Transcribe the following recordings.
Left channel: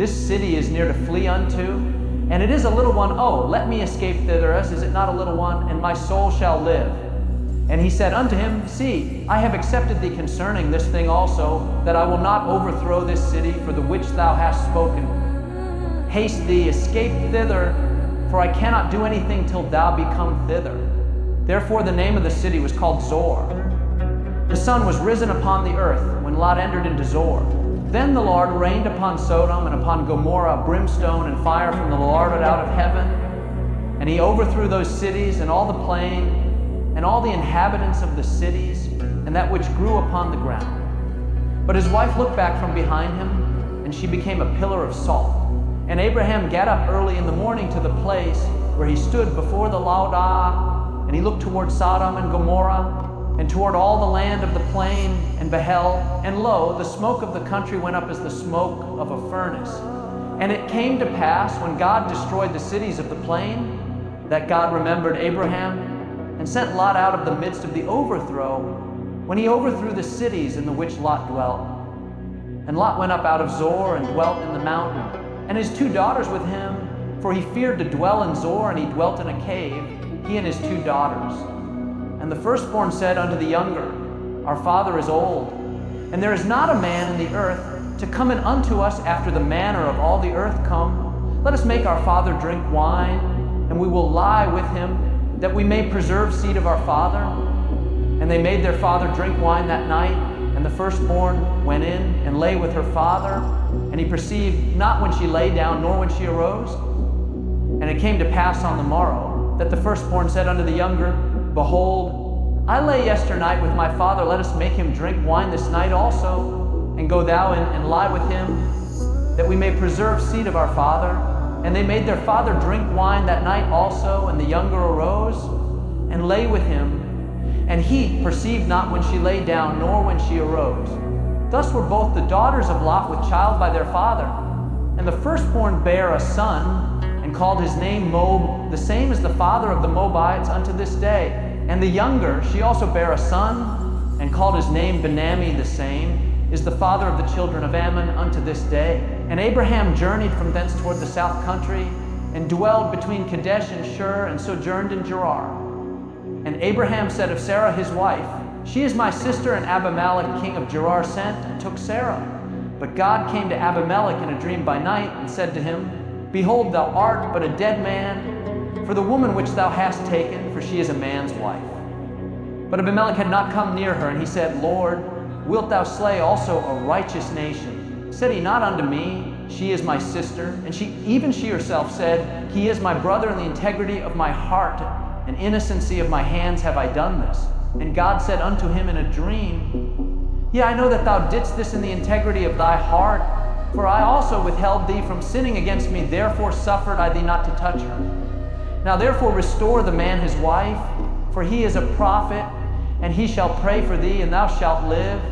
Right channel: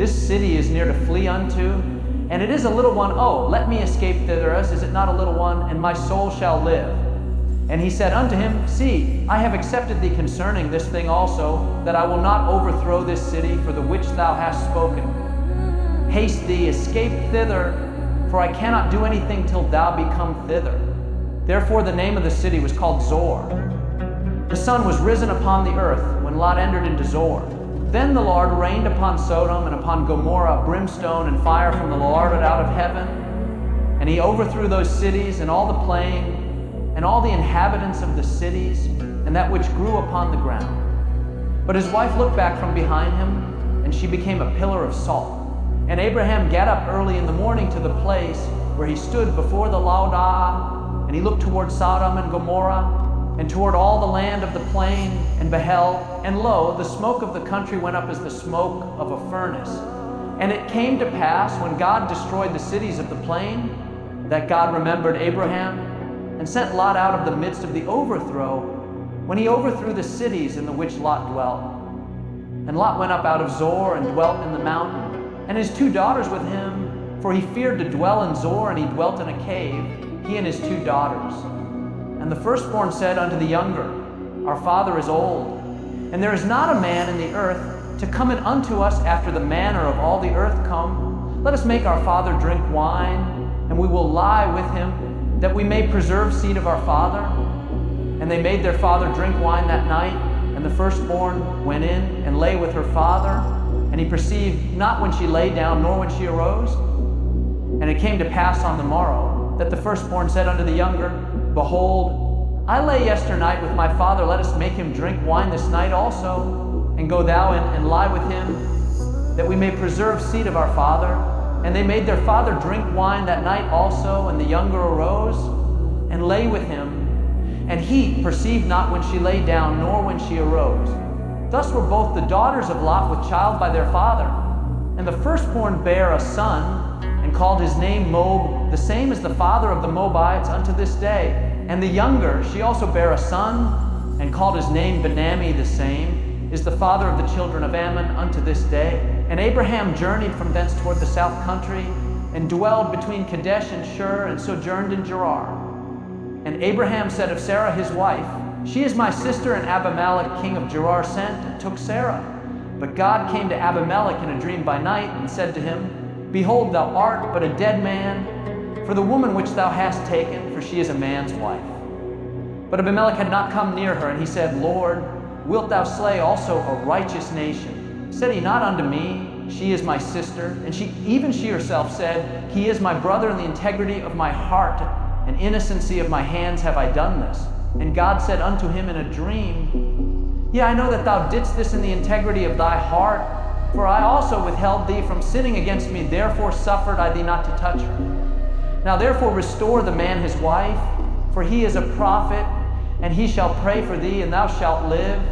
This city is near to flee unto, and it is a little one. Oh, let me escape thither, as is it not a little one, and my soul shall live. And he said unto him, See, I have accepted thee concerning this thing also, that I will not overthrow this city for the which thou hast spoken. Haste thee, escape thither, for I cannot do anything till thou be come thither. Therefore the name of the city was called Zor. The sun was risen upon the earth when Lot entered into Zor. Then the Lord rained upon Sodom and upon Gomorrah brimstone and fire from the Lord out of heaven. And he overthrew those cities and all the plain, and all the inhabitants of the cities, and that which grew upon the ground. But his wife looked back from behind him, and she became a pillar of salt. And Abraham got up early in the morning to the place where he stood before the Laudah, and he looked toward Sodom and Gomorrah, and toward all the land of the plain, and beheld, and lo, the smoke of the country went up as the smoke of a furnace. And it came to pass, when God destroyed the cities of the plain, that God remembered Abraham, and sent Lot out of the midst of the overthrow, when he overthrew the cities in the which Lot dwelt. And Lot went up out of Zor and dwelt in the mountain, and his 2 daughters with him, for he feared to dwell in Zor, and he dwelt in a cave, he and his 2 daughters. And the firstborn said unto the younger, Our father is old, and there is not a man in the earth to come in unto us after the manner of all the earth come. Let us make our father drink wine, and we will lie with him, that we may preserve seed of our father. And they made their father drink wine that night, and the firstborn went in and lay with her father, and he perceived not when she lay down, nor when she arose. And it came to pass on the morrow, that the firstborn said unto the younger, Behold, I lay yesternight with my father, let us make him drink wine this night also, and go thou in and lie with him, that we may preserve seed of our father. And they made their father drink wine that night also, and the younger arose and lay with him. And he perceived not when she lay down, nor when she arose. Thus were both the daughters of Lot with child by their father. And the firstborn bare a son, and called his name Moab, the same as the father of the Moabites unto this day. And the younger, she also bare a son, and called his name Ben-ammi, the same is the father of the children of Ammon unto this day. And Abraham journeyed from thence toward the south country, and dwelled between Kadesh and Shur, and sojourned in Gerar. And Abraham said of Sarah his wife, She is my sister, and Abimelech king of Gerar sent, and took Sarah. But God came to Abimelech in a dream by night, and said to him, Behold, thou art but a dead man, for the woman which thou hast taken, for she is a man's wife. But Abimelech had not come near her, and he said, Lord, wilt thou slay also a righteous nation? Said he not unto me, She is my sister? And even she herself said, He is my brother in the integrity of my heart, and innocency of my hands have I done this. And God said unto him in a dream, Yea, I know that thou didst this in the integrity of thy heart, for I also withheld thee from sinning against me, therefore suffered I thee not to touch her. Now therefore restore the man his wife, for he is a prophet, and he shall pray for thee, and thou shalt live.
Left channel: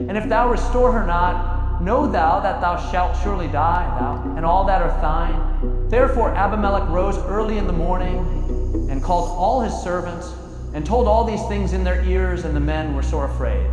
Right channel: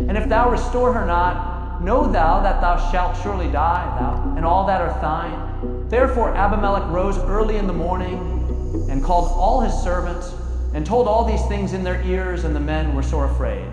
And if thou restore her not, know thou that thou shalt surely die, thou and all that are thine. Therefore Abimelech rose early in the morning, and called all his servants, and told all these things in their ears, and the men were sore afraid.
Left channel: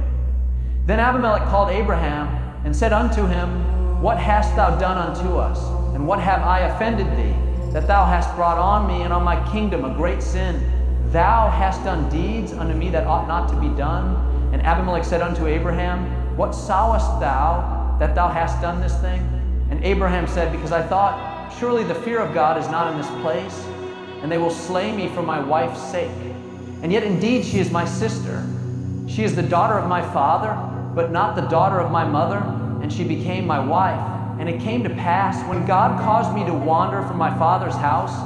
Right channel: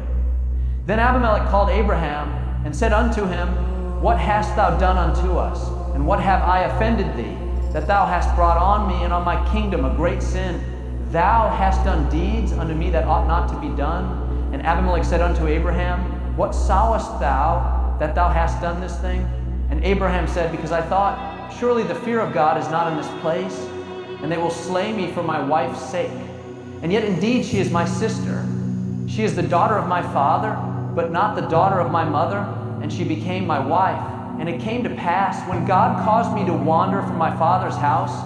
Then Abimelech called Abraham, and said unto him, What hast thou done unto us? And what have I offended thee, that thou hast brought on me and on my kingdom a great sin? Thou hast done deeds unto me that ought not to be done. And Abimelech said unto Abraham, What sawest thou that thou hast done this thing? And Abraham said, Because I thought, surely the fear of God is not in this place, and they will slay me for my wife's sake. And yet indeed she is my sister. She is the daughter of my father, but not the daughter of my mother, and she became my wife. And it came to pass, when God caused me to wander from my father's house,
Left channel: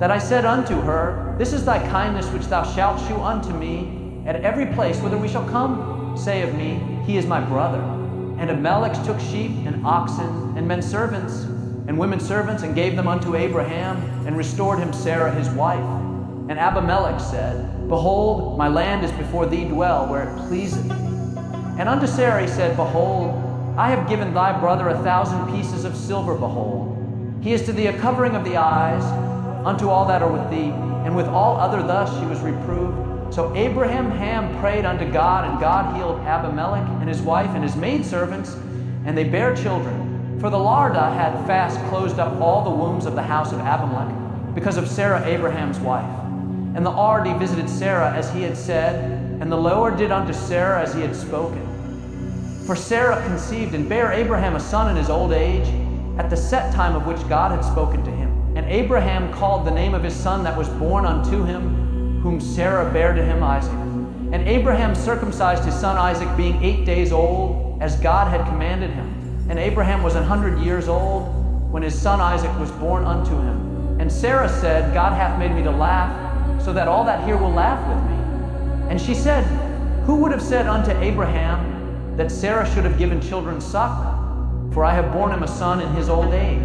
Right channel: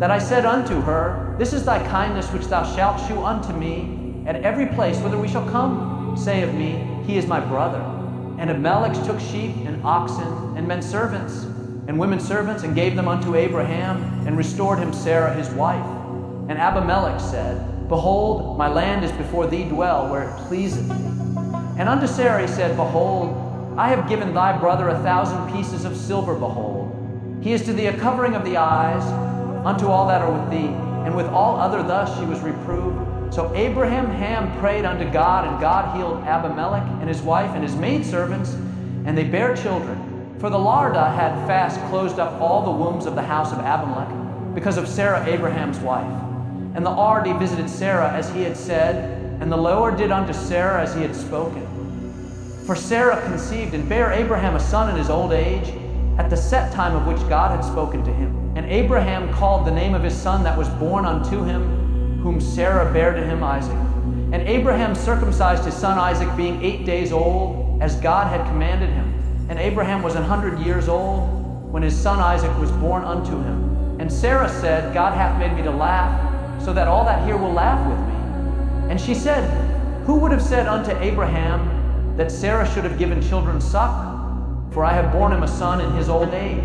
that I said unto her, This is thy kindness which thou shalt shew unto me at every place whither we shall come. Say of me, He is my brother. And Abimelech took sheep and oxen and men servants and women servants, and gave them unto Abraham, and restored him Sarah his wife. And Abimelech said, Behold, my land is before thee, dwell where it pleaseth thee. And unto Sarah he said, Behold, I have given thy brother 1,000 pieces of silver, behold. He is to thee a covering of the eyes, unto all that are with thee. And with all other thus she was reproved. So Abraham prayed unto God, and God healed Abimelech and his wife and his maidservants, and they bare children. For the Lord had fast closed up all the wombs of the house of Abimelech because of Sarah Abraham's wife. And the Lord visited Sarah as he had said, and the Lord did unto Sarah as he had spoken. For Sarah conceived and bare Abraham a son in his old age, at the set time of which God had spoken to him. And Abraham called the name of his son that was born unto him, whom Sarah bare to him, Isaac. And Abraham circumcised his son Isaac, being 8 days old, as God had commanded him. And Abraham was 100 years old when his son Isaac was born unto him. And Sarah said, God hath made me to laugh, so that all that hear will laugh with me. And she said, Who would have said unto Abraham that Sarah should have given children suck? For I have borne him a son in his old age.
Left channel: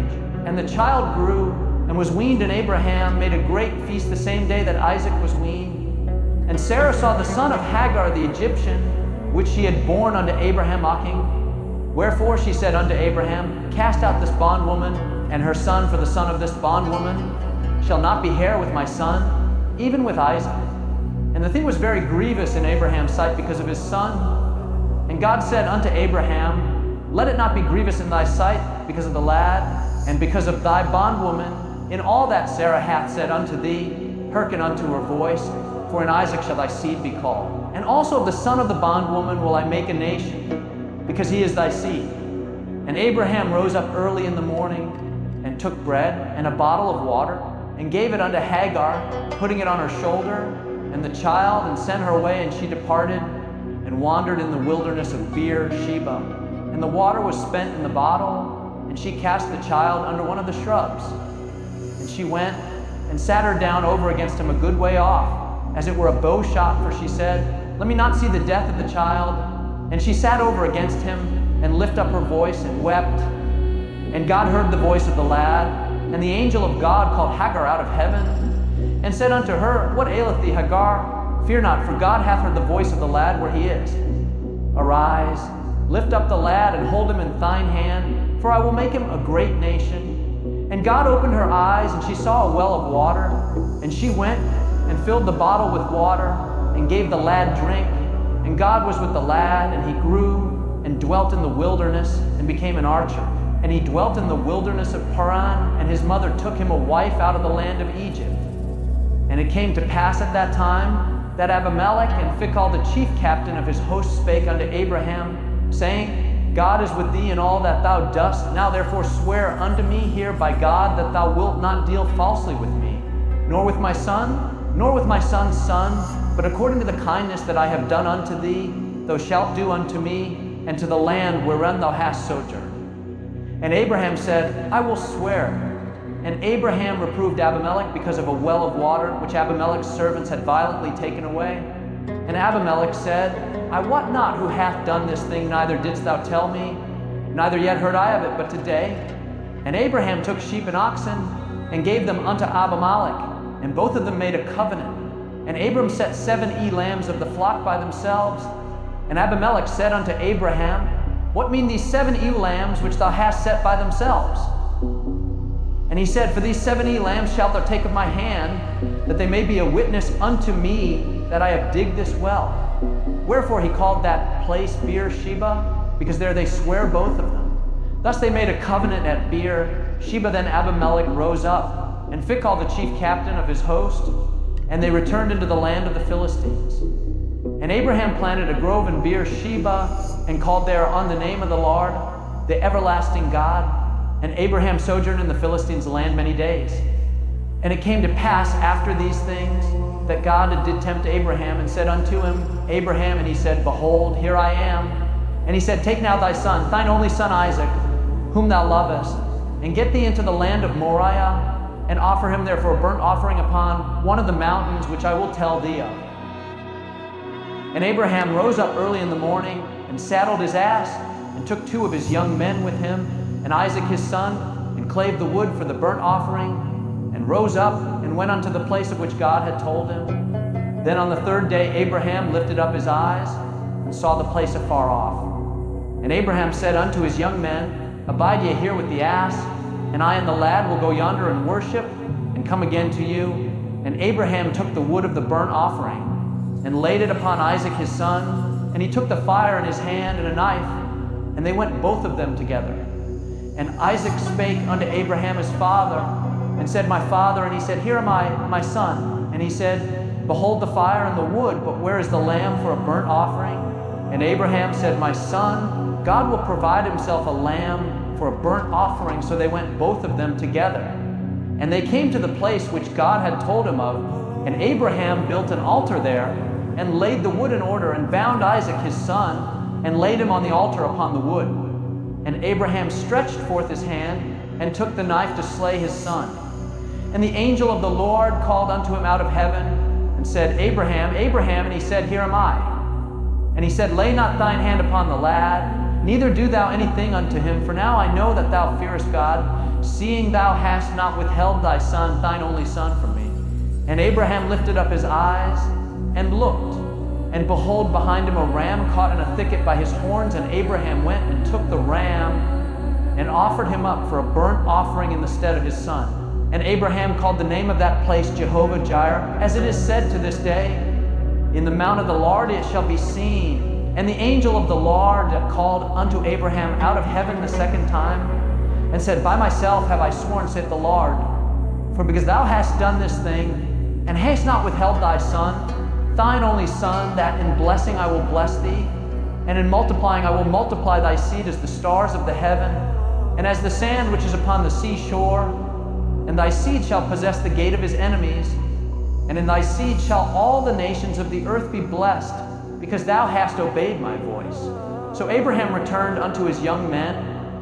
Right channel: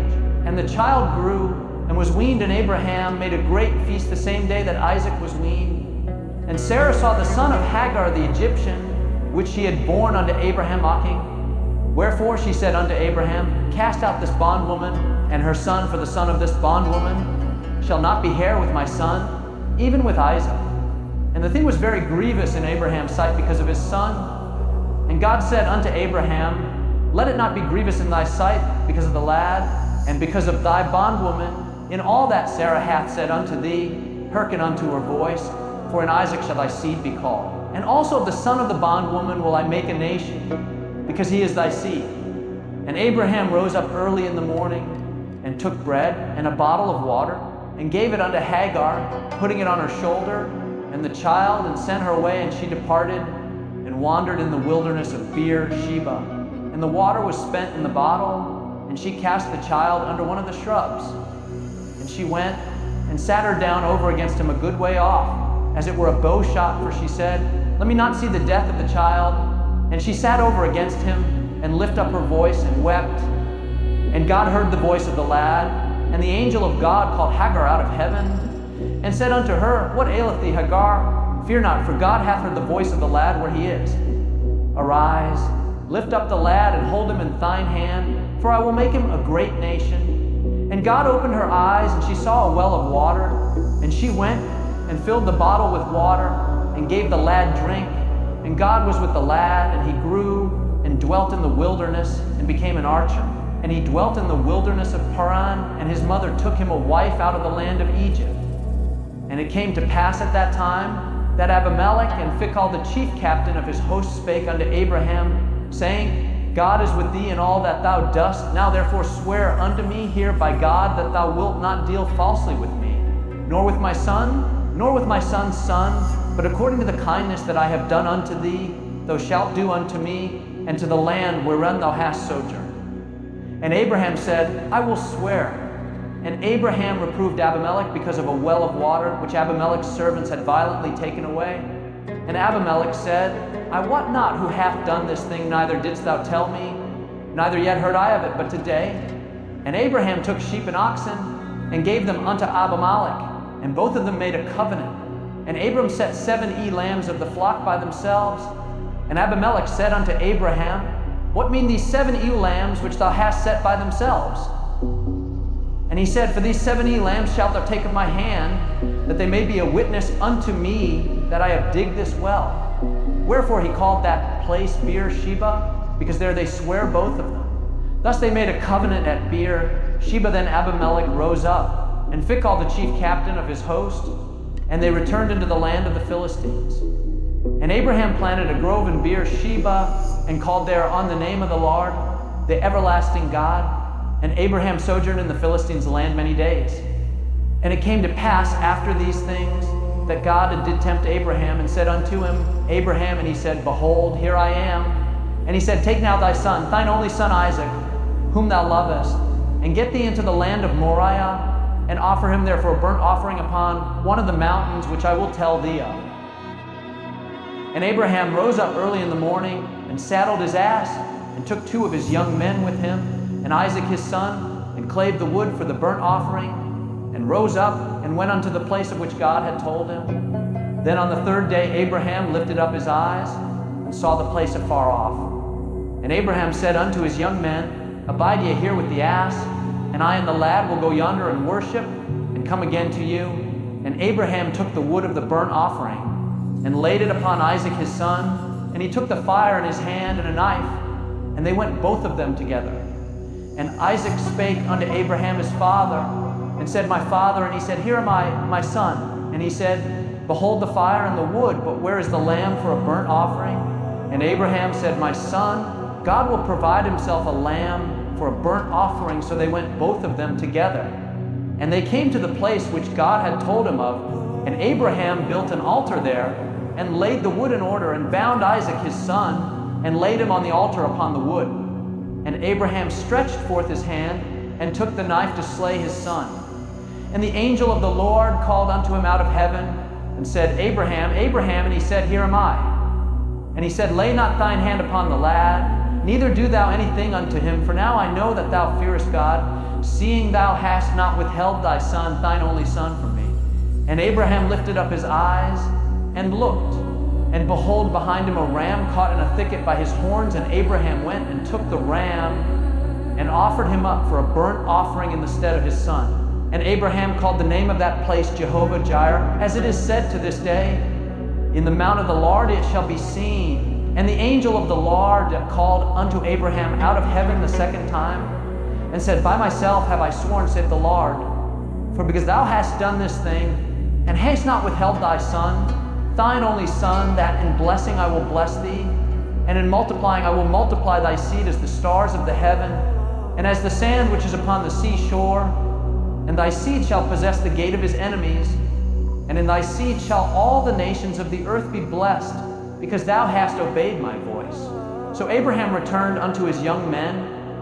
And the child grew and was weaned, and Abraham made a great feast the same day that Isaac was weaned. And Sarah saw the son of Hagar the Egyptian, which she had borne unto Abraham mocking. Wherefore she said unto Abraham, Cast out this bondwoman and her son, for the son of this bondwoman shall not be heir with my son, even with Isaac. And the thing was very grievous in Abraham's sight because of his son. And God said unto Abraham, Let it not be grievous in thy sight because of the lad, and because of thy bondwoman, in all that Sarah hath said unto thee, hearken unto her voice, for in Isaac shall thy seed be called. And also of the son of the bondwoman will I make a nation, because he is thy seed. And Abraham rose up early in the morning, and took bread and a bottle of water, and gave it unto Hagar, putting it on her shoulder, and the child, and sent her away, and she departed, and wandered in the wilderness of Beer-sheba. And the water was spent in the bottle, and she cast the child under one of the shrubs. And she went and sat her down over against him a good way off, as it were a bow shot, for she said, Let me not see the death of the child. And she sat over against him, and lifted up her voice, and wept. And God heard the voice of the lad, and the angel of God called Hagar out of heaven, and said unto her, What aileth thee, Hagar? Fear not, for God hath heard the voice of the lad where he is. Arise, lift up the lad, and hold him in thine hand, for I will make him a great nation. And God opened her eyes, and she saw a well of water. And she went and filled the bottle with water, and gave the lad drink. And God was with the lad, and he grew and dwelt in the wilderness, and became an archer. And he dwelt in the wilderness of Paran, and his mother took him a wife out of the land of Egypt. And it came to pass at that time that Abimelech and Phicol the chief captain of his host spake unto Abraham, saying, God is with thee in all that thou dost. Now therefore swear unto me here by God that thou wilt not deal falsely with me, nor with my son, nor with my son's son, but according to the kindness that I have done unto thee, thou shalt do unto me, and to the land wherein thou hast sojourned. And Abraham said, I will swear. And Abraham reproved Abimelech because of a well of water, which Abimelech's servants had violently taken away. And Abimelech said, I wot not who hath done this thing, neither didst thou tell me, neither yet heard I of it but today. And Abraham took sheep and oxen, and gave them unto Abimelech, and both of them made a covenant. And Abram set 7 lambs of the flock by themselves. And Abimelech said unto Abraham, What mean these 7 lambs which thou hast set by themselves? And he said, For these 7 lambs shalt thou take of my hand, that they may be a witness unto me that I have digged this well. Wherefore he called that place Beer-sheba, because there they swear both of them. Thus they made a covenant at Beer-sheba. Then Abimelech rose up, and Phicol the chief captain of his host, and they returned into the land of the Philistines. And Abraham planted a grove in Beer-sheba, and called there on the name of the Lord, the everlasting God. And Abraham sojourned in the Philistines' land many days. And it came to pass after these things that God did tempt Abraham, and said unto him, Abraham, and he said, Behold, here I am. And he said, Take now thy son, thine only son Isaac, whom thou lovest, and get thee into the land of Moriah, and offer him there for a burnt offering upon one of the mountains which I will tell thee of. And Abraham rose up early in the morning, and saddled his ass, and took 2 of his young men with him, and Isaac his son, and clave the wood for the burnt offering, and rose up, and went unto the place of which God had told him. Then on the 3rd day Abraham lifted up his eyes, and saw the place afar off. And Abraham said unto his young men, Abide ye here with the ass, and I and the lad will go yonder and worship, and come again to you. And Abraham took the wood of the burnt offering, and laid it upon Isaac his son, and he took the fire in his hand and a knife, and they went both of them together. And Isaac spake unto Abraham his father, and said, My father. And he said, Here am I, my son. And he said, Behold the fire and the wood, but where is the lamb for a burnt offering? And Abraham said, My son, God will provide himself a lamb for a burnt offering. So they went both of them together. And they came to the place which God had told him of, and Abraham built an altar there, and laid the wood in order, and bound Isaac his son, and laid him on the altar upon the wood. And Abraham stretched forth his hand, and took the knife to slay his son. And the angel of the Lord called unto him out of heaven, and said, Abraham, Abraham. And he said, Here am I. And he said, Lay not thine hand upon the lad, neither do thou anything unto him, for now I know that thou fearest God, seeing thou hast not withheld thy son, thine only son, from me. And Abraham lifted up his eyes, and looked, and behold, behind him a ram caught in a thicket by his horns. And Abraham went and took the ram, and offered him up for a burnt offering in the stead of his son. And Abraham called the name of that place Jehovah Jireh, as it is said to this day, In the mount of the Lord it shall be seen. And the angel of the Lord called unto Abraham out of heaven the second time, and said, By myself have I sworn, saith the Lord, for because thou hast done this thing, and hast not withheld thy son, thine only son, that in blessing I will bless thee, and in multiplying I will multiply thy seed as the stars of the heaven, and as the sand which is upon the seashore. And thy seed shall possess the gate of his enemies, and in thy seed shall all the nations of the earth be blessed, because thou hast obeyed my voice. So Abraham returned unto his young men,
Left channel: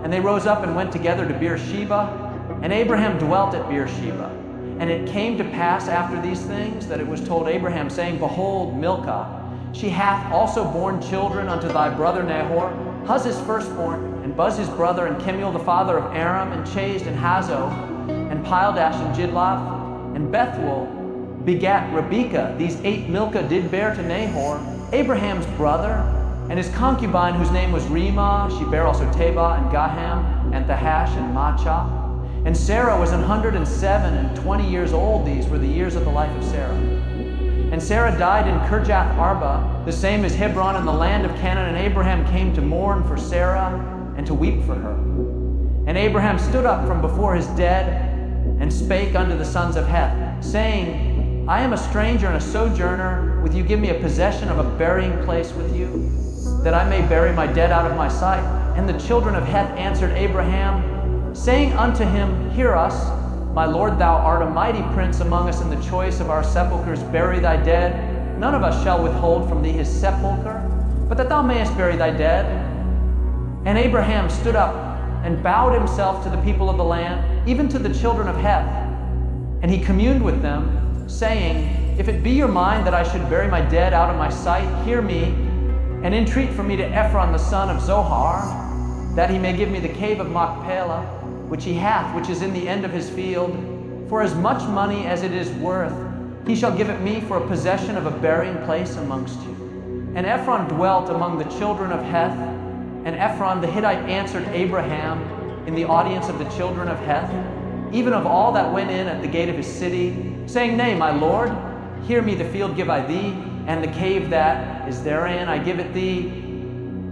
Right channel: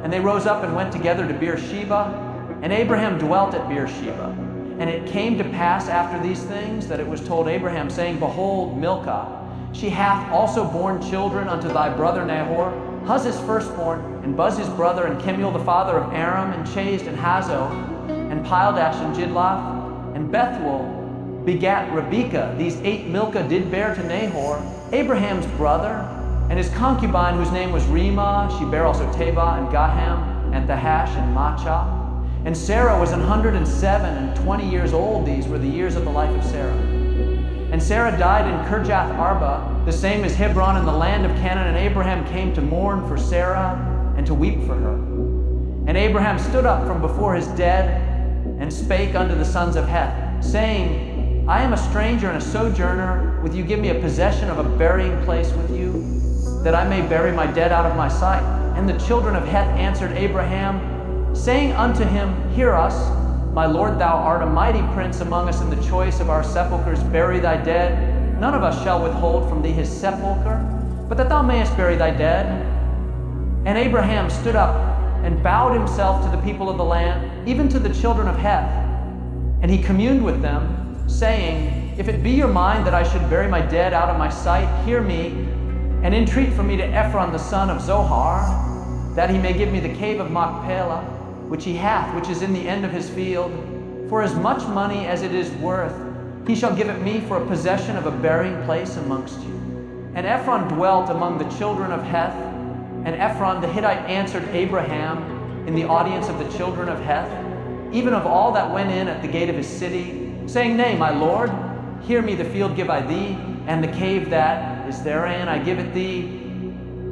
and they rose up and went together to Beersheba, and Abraham dwelt at Beersheba. And it came to pass after these things that it was told Abraham, saying, Behold, Milcah, she hath also borne children unto thy brother Nahor, Huz his firstborn, and Buz his brother, and Kemuel the father of Aram, and Chazed, and Hazo, and Pildash, and Jidlaph, and Bethuel begat Rebekah. These 8 Milcah did bear to Nahor, Abraham's brother, and his concubine, whose name was Reumah. She bare also Tabah, and Gaham, and Thahash, and Maachah. And Sarah was 107 and 20 years old. These were the years of the life of Sarah. And Sarah died in Kirjath Arba, the same as Hebron, in the land of Canaan. And Abraham came to mourn for Sarah, and to weep for her. And Abraham stood up from before his dead, and spake unto the sons of Heth, saying, I am a stranger and a sojourner with you. Give me a possession of a burying place with you, that I may bury my dead out of my sight. And the children of Heth answered Abraham, saying unto him, Hear us, my lord, thou art a mighty prince among us. In the choice of our sepulchres bury thy dead. None of us shall withhold from thee his sepulchre, but that thou mayest bury thy dead. And Abraham stood up and bowed himself to the people of the land, even to the children of Heth. And he communed with them, saying, If it be your mind that I should bury my dead out of my sight, hear me, and entreat for me to Ephron the son of Zohar, that he may give me the cave of Machpelah, which he hath, which is in the end of his field. For as much money as it is worth, he shall give it me for a possession of a burying place amongst you. And Ephron dwelt among the children of Heth. And Ephron the Hittite answered Abraham in the audience of the children of Heth, even of all that went in at the gate of his city, saying, Nay, my lord, hear me, the field give I thee, and the cave that is therein I give it thee.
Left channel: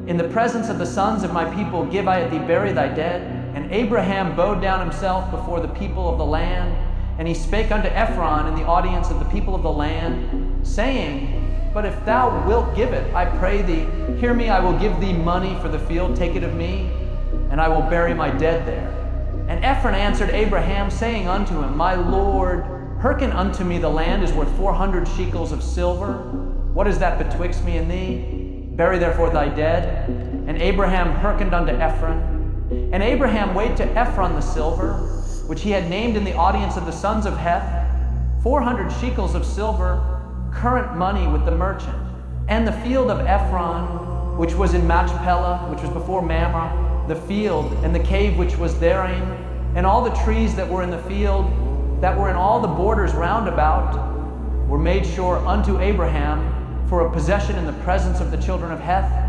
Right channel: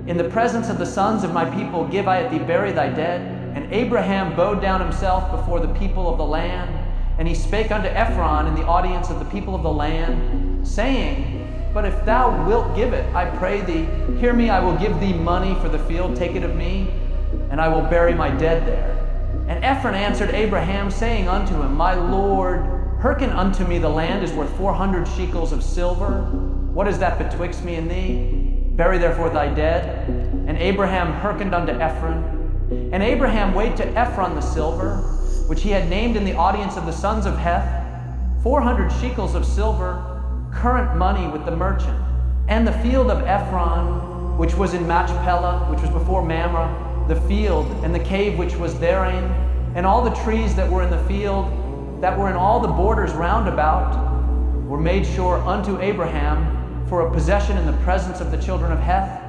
In the presence of the sons of my people give I it thee, bury thy dead. And Abraham bowed down himself before the people of the land, and he spake unto Ephron in the audience of the people of the land, saying, But if thou wilt give it, I pray thee, hear me, I will give thee money for the field, take it of me, and I will bury my dead there. And Ephron answered Abraham, saying unto him, My lord, hearken unto me, the land is worth 400 shekels of silver. What is that betwixt me and thee? Bury therefore thy dead. And Abraham hearkened unto Ephron. And Abraham weighed to Ephron the silver, which he had named in the audience of the sons of Heth, 400 shekels of silver, current money with the merchant. And the field of Ephron, which was in Machpelah, which was before Mamre, the field, and the cave which was therein, and all the trees that were in the field, that were in all the borders round about, were made sure unto Abraham for a possession in the presence of the children of Heth,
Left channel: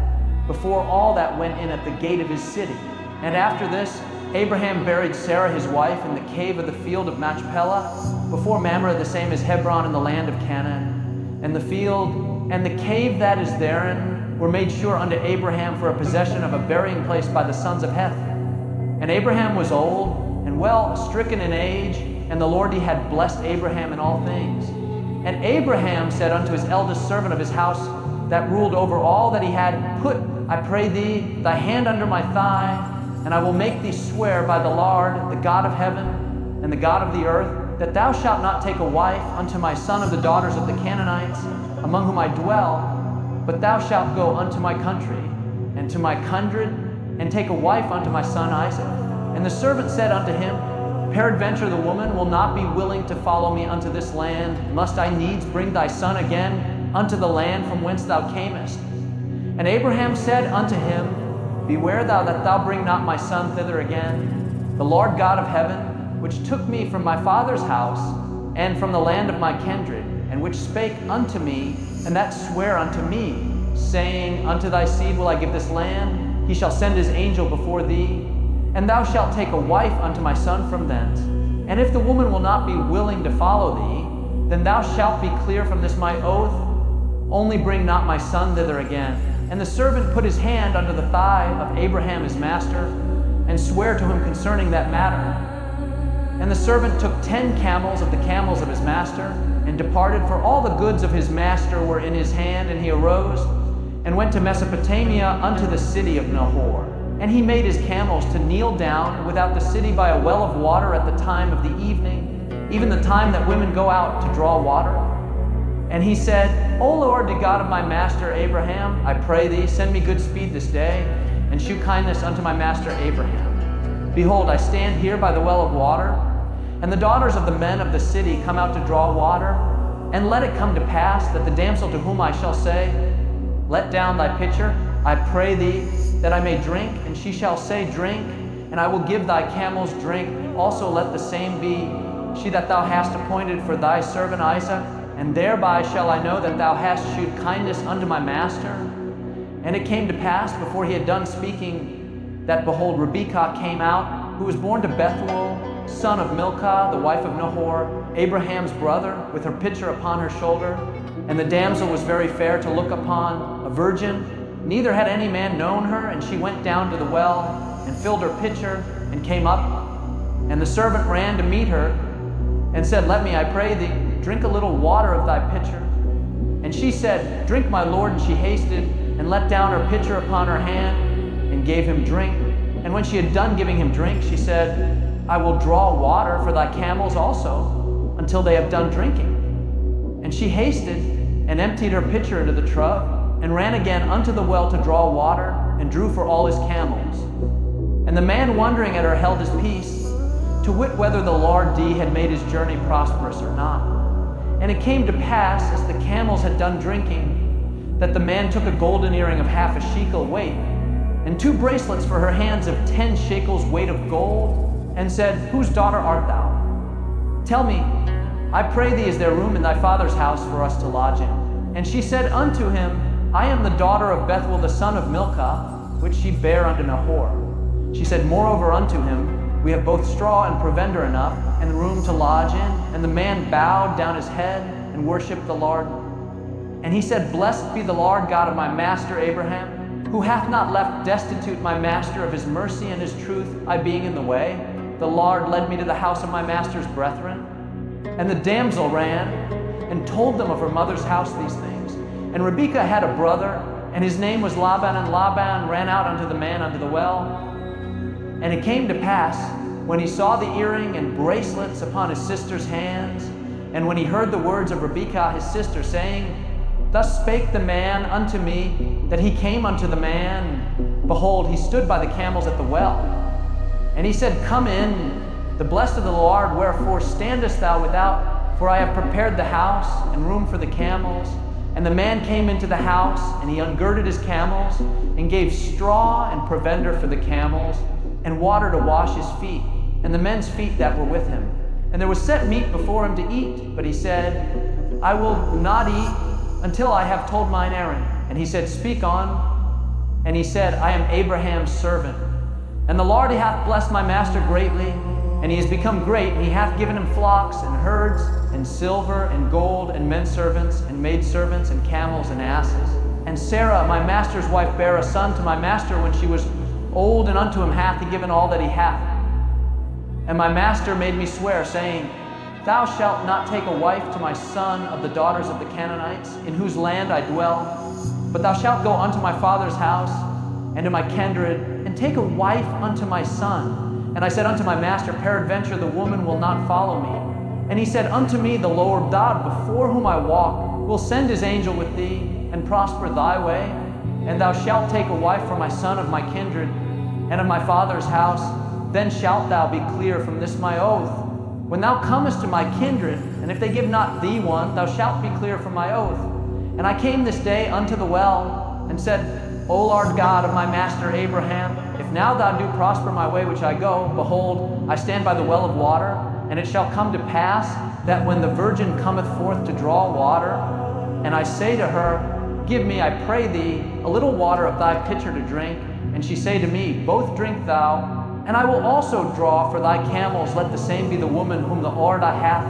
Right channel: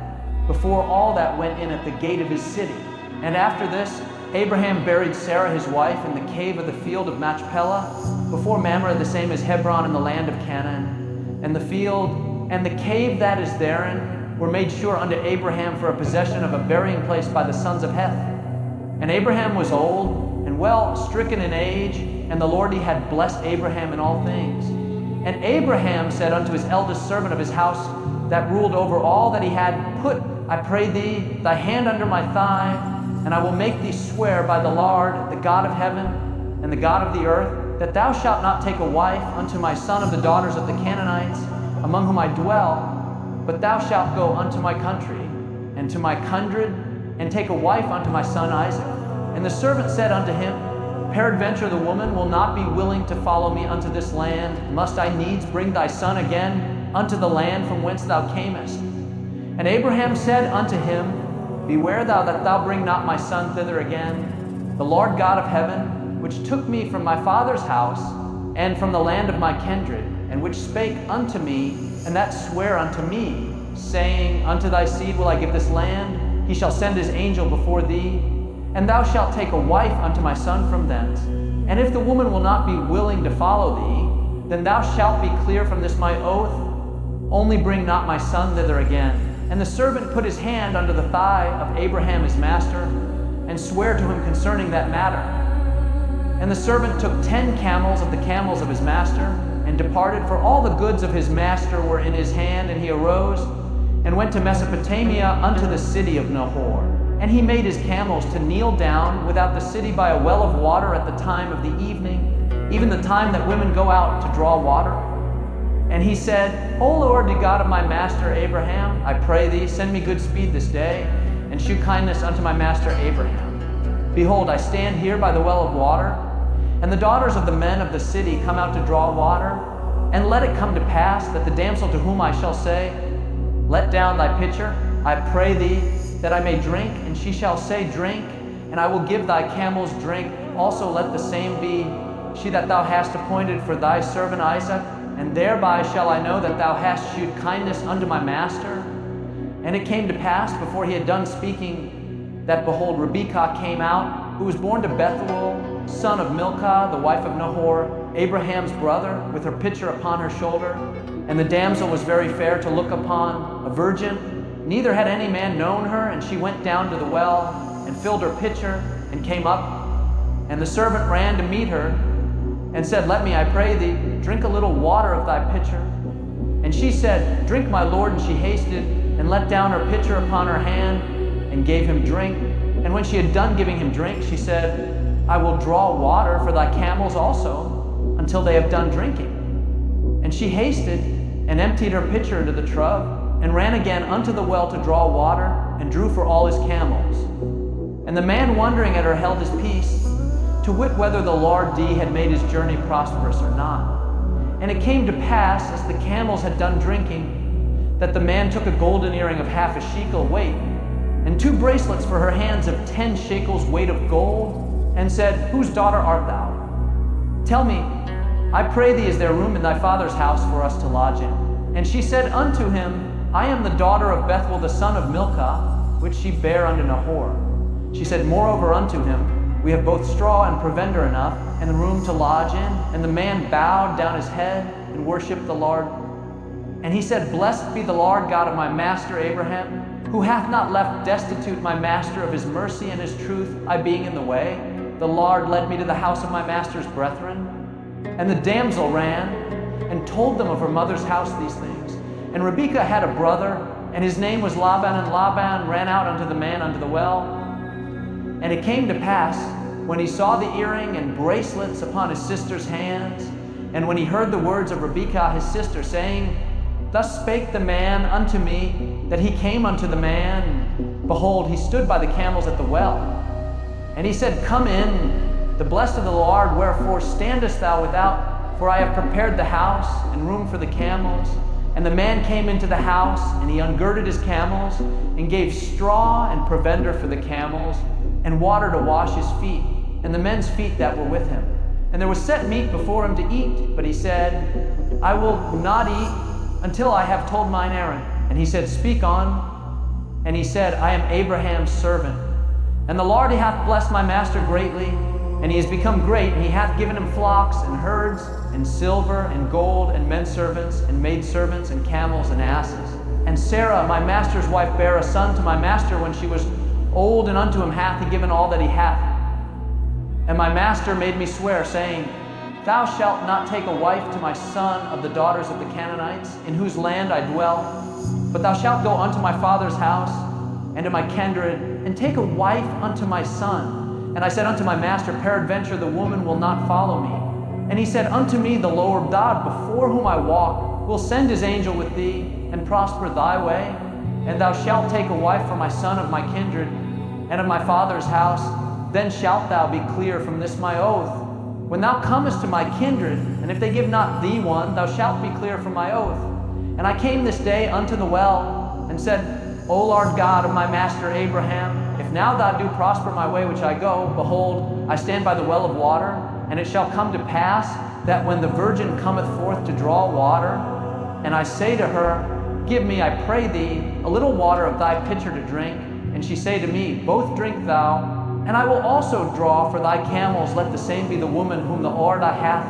before all that went in at the gate of his city. And after this, Abraham buried Sarah his wife in the cave of the field of Machpelah, before Mamre, the same as Hebron in the land of Canaan. And the field and the cave that is therein were made sure unto Abraham for a possession of a burying place by the sons of Heth. And Abraham was old and well stricken in age, and the Lord, he had blessed Abraham in all things. And Abraham said unto his eldest servant of his house that ruled over all that he had, Put, I pray thee, thy hand under my thigh, and I will make thee swear by the Lord, the God of heaven and the God of the earth, that thou shalt not take a wife unto my son of the daughters of the Canaanites, among whom I dwell, but thou shalt go unto my country and to my kindred, and take a wife unto my son Isaac. And the servant said unto him, Peradventure the woman will not be willing to follow me unto this land. Must I needs bring thy son again unto the land from whence thou camest? And Abraham said unto him, Beware thou that thou bring not my son thither again. The Lord God of heaven, which took me from my father's house and from the land of my kindred, and which spake unto me, and that sware unto me, saying, Unto thy seed will I give this land. He shall send his angel before thee, and thou shalt take a wife unto my son from thence. And if the woman will not be willing to follow thee, then thou shalt be clear from this my oath. Only bring not my son thither again. And the servant put his hand under the thigh of Abraham his master, and sware to him concerning that matter. And the servant took 10 camels of the camels of his master, and departed, for all the goods of his master were in his hand. And he arose and went to Mesopotamia unto the city of Nahor. And he made his camels to kneel down without the city by a well of water at the time of the evening, even the time that women go out to draw water. And he said, O Lord, the God of my master Abraham, I pray thee, send me good speed this day, and shew kindness unto my master Abraham. Behold, I stand here by the well of water, and the daughters of the men of the city come out to draw water. And let it come to pass that the damsel to whom I shall say, Let down thy pitcher, I pray thee, that I may drink, and she shall say, Drink, and I will give thy camels drink. Also let the same be she that thou hast appointed for thy servant Isaac, and thereby shall I know that thou hast shewed kindness unto my master. And it came to pass, before he had done speaking, that behold, Rebekah came out, who was born to Bethuel, son of Milcah, the wife of Nahor, Abraham's brother, with her pitcher upon her shoulder. And the damsel was very fair to look upon, a virgin, neither had any man known her. And she went down to the well, and filled her pitcher, and came up. And the servant ran to meet her, and said, Let me, I pray thee, drink a little water of thy pitcher. And she said, Drink, my lord. And she hasted, and let down her pitcher upon her hand, and gave him drink. And when she had done giving him drink, she said, I will draw water for thy camels also, until they have done drinking. And she hasted, and emptied her pitcher into the trough, and ran again unto the well to draw water, and drew for all his camels. And the man wondering at her held his peace, to wit whether the Lord D had made his journey prosperous or not. And it came to pass, as the camels had done drinking, that the man took a golden earring of half a shekel weight, and 2 bracelets for her hands of 10 shekels weight of gold, and said, Whose daughter art thou? Tell me, I pray thee, is there room in thy father's house for us to lodge in? And she said unto him, I am the daughter of Bethuel the son of Milcah, which she bare unto Nahor. She said moreover unto him, We have both straw and provender enough, and the room to lodge in. And the man bowed down his head and worshipped the Lord. And he said, Blessed be the Lord God of my master Abraham, who hath not left destitute my master of his mercy and his truth, I being in the way. The Lord led me to the house of my master's brethren. And the damsel ran and told them of her mother's house these things. And Rebekah had a brother, and his name was Laban. And Laban ran out unto the man unto the well. And it came to pass, when he saw the earring and bracelets upon his sister's hands, and when he heard the words of Rebekah his sister, saying, Thus spake the man unto me, that he came unto the man. Behold, he stood by the camels at the well. And he said, Come in, the blessed of the Lord, wherefore standest thou without? For I have prepared the house and room for the camels. And the man came into the house, and he ungirded his camels, and gave straw and provender for the camels, and water to wash his feet, and the men's feet that were with him. And there was set meat before him to eat, but he said, I will not eat until I have told mine errand. And he said, Speak on. And he said, I am Abraham's servant. And the Lord, he hath blessed my master greatly, and he is become great, and he hath given him flocks and herds and silver and gold and men servants and maidservants and camels and asses. And Sarah, my master's wife, bare a son to my master when she was old, and unto him hath he given all that he hath. And my master made me swear, saying, Thou shalt not take a wife to my son of the daughters of the Canaanites, in whose land I dwell, but thou shalt go unto my father's house and to my kindred, and take a wife unto my son. And I said unto my master, Peradventure the woman will not follow me. And he said, Unto me the Lord God, before whom I walk, will send his angel with thee, and prosper thy way. And thou shalt take a wife for my son of my kindred, and of my father's house. Then shalt thou be clear from this my oath. When thou comest to my kindred, and if they give not thee one, thou shalt be clear from my oath. And I came this day unto the well, and said, O Lord God of my master Abraham, if now thou do prosper my way which I go, behold, I stand by the well of water, and it shall come to pass that when the virgin cometh forth to draw water, and I say to her, Give me, I pray thee, a little water of thy pitcher to drink, and she say to me, Both drink thou, and I will also draw for thy camels, let the same be the woman whom the Lord I hath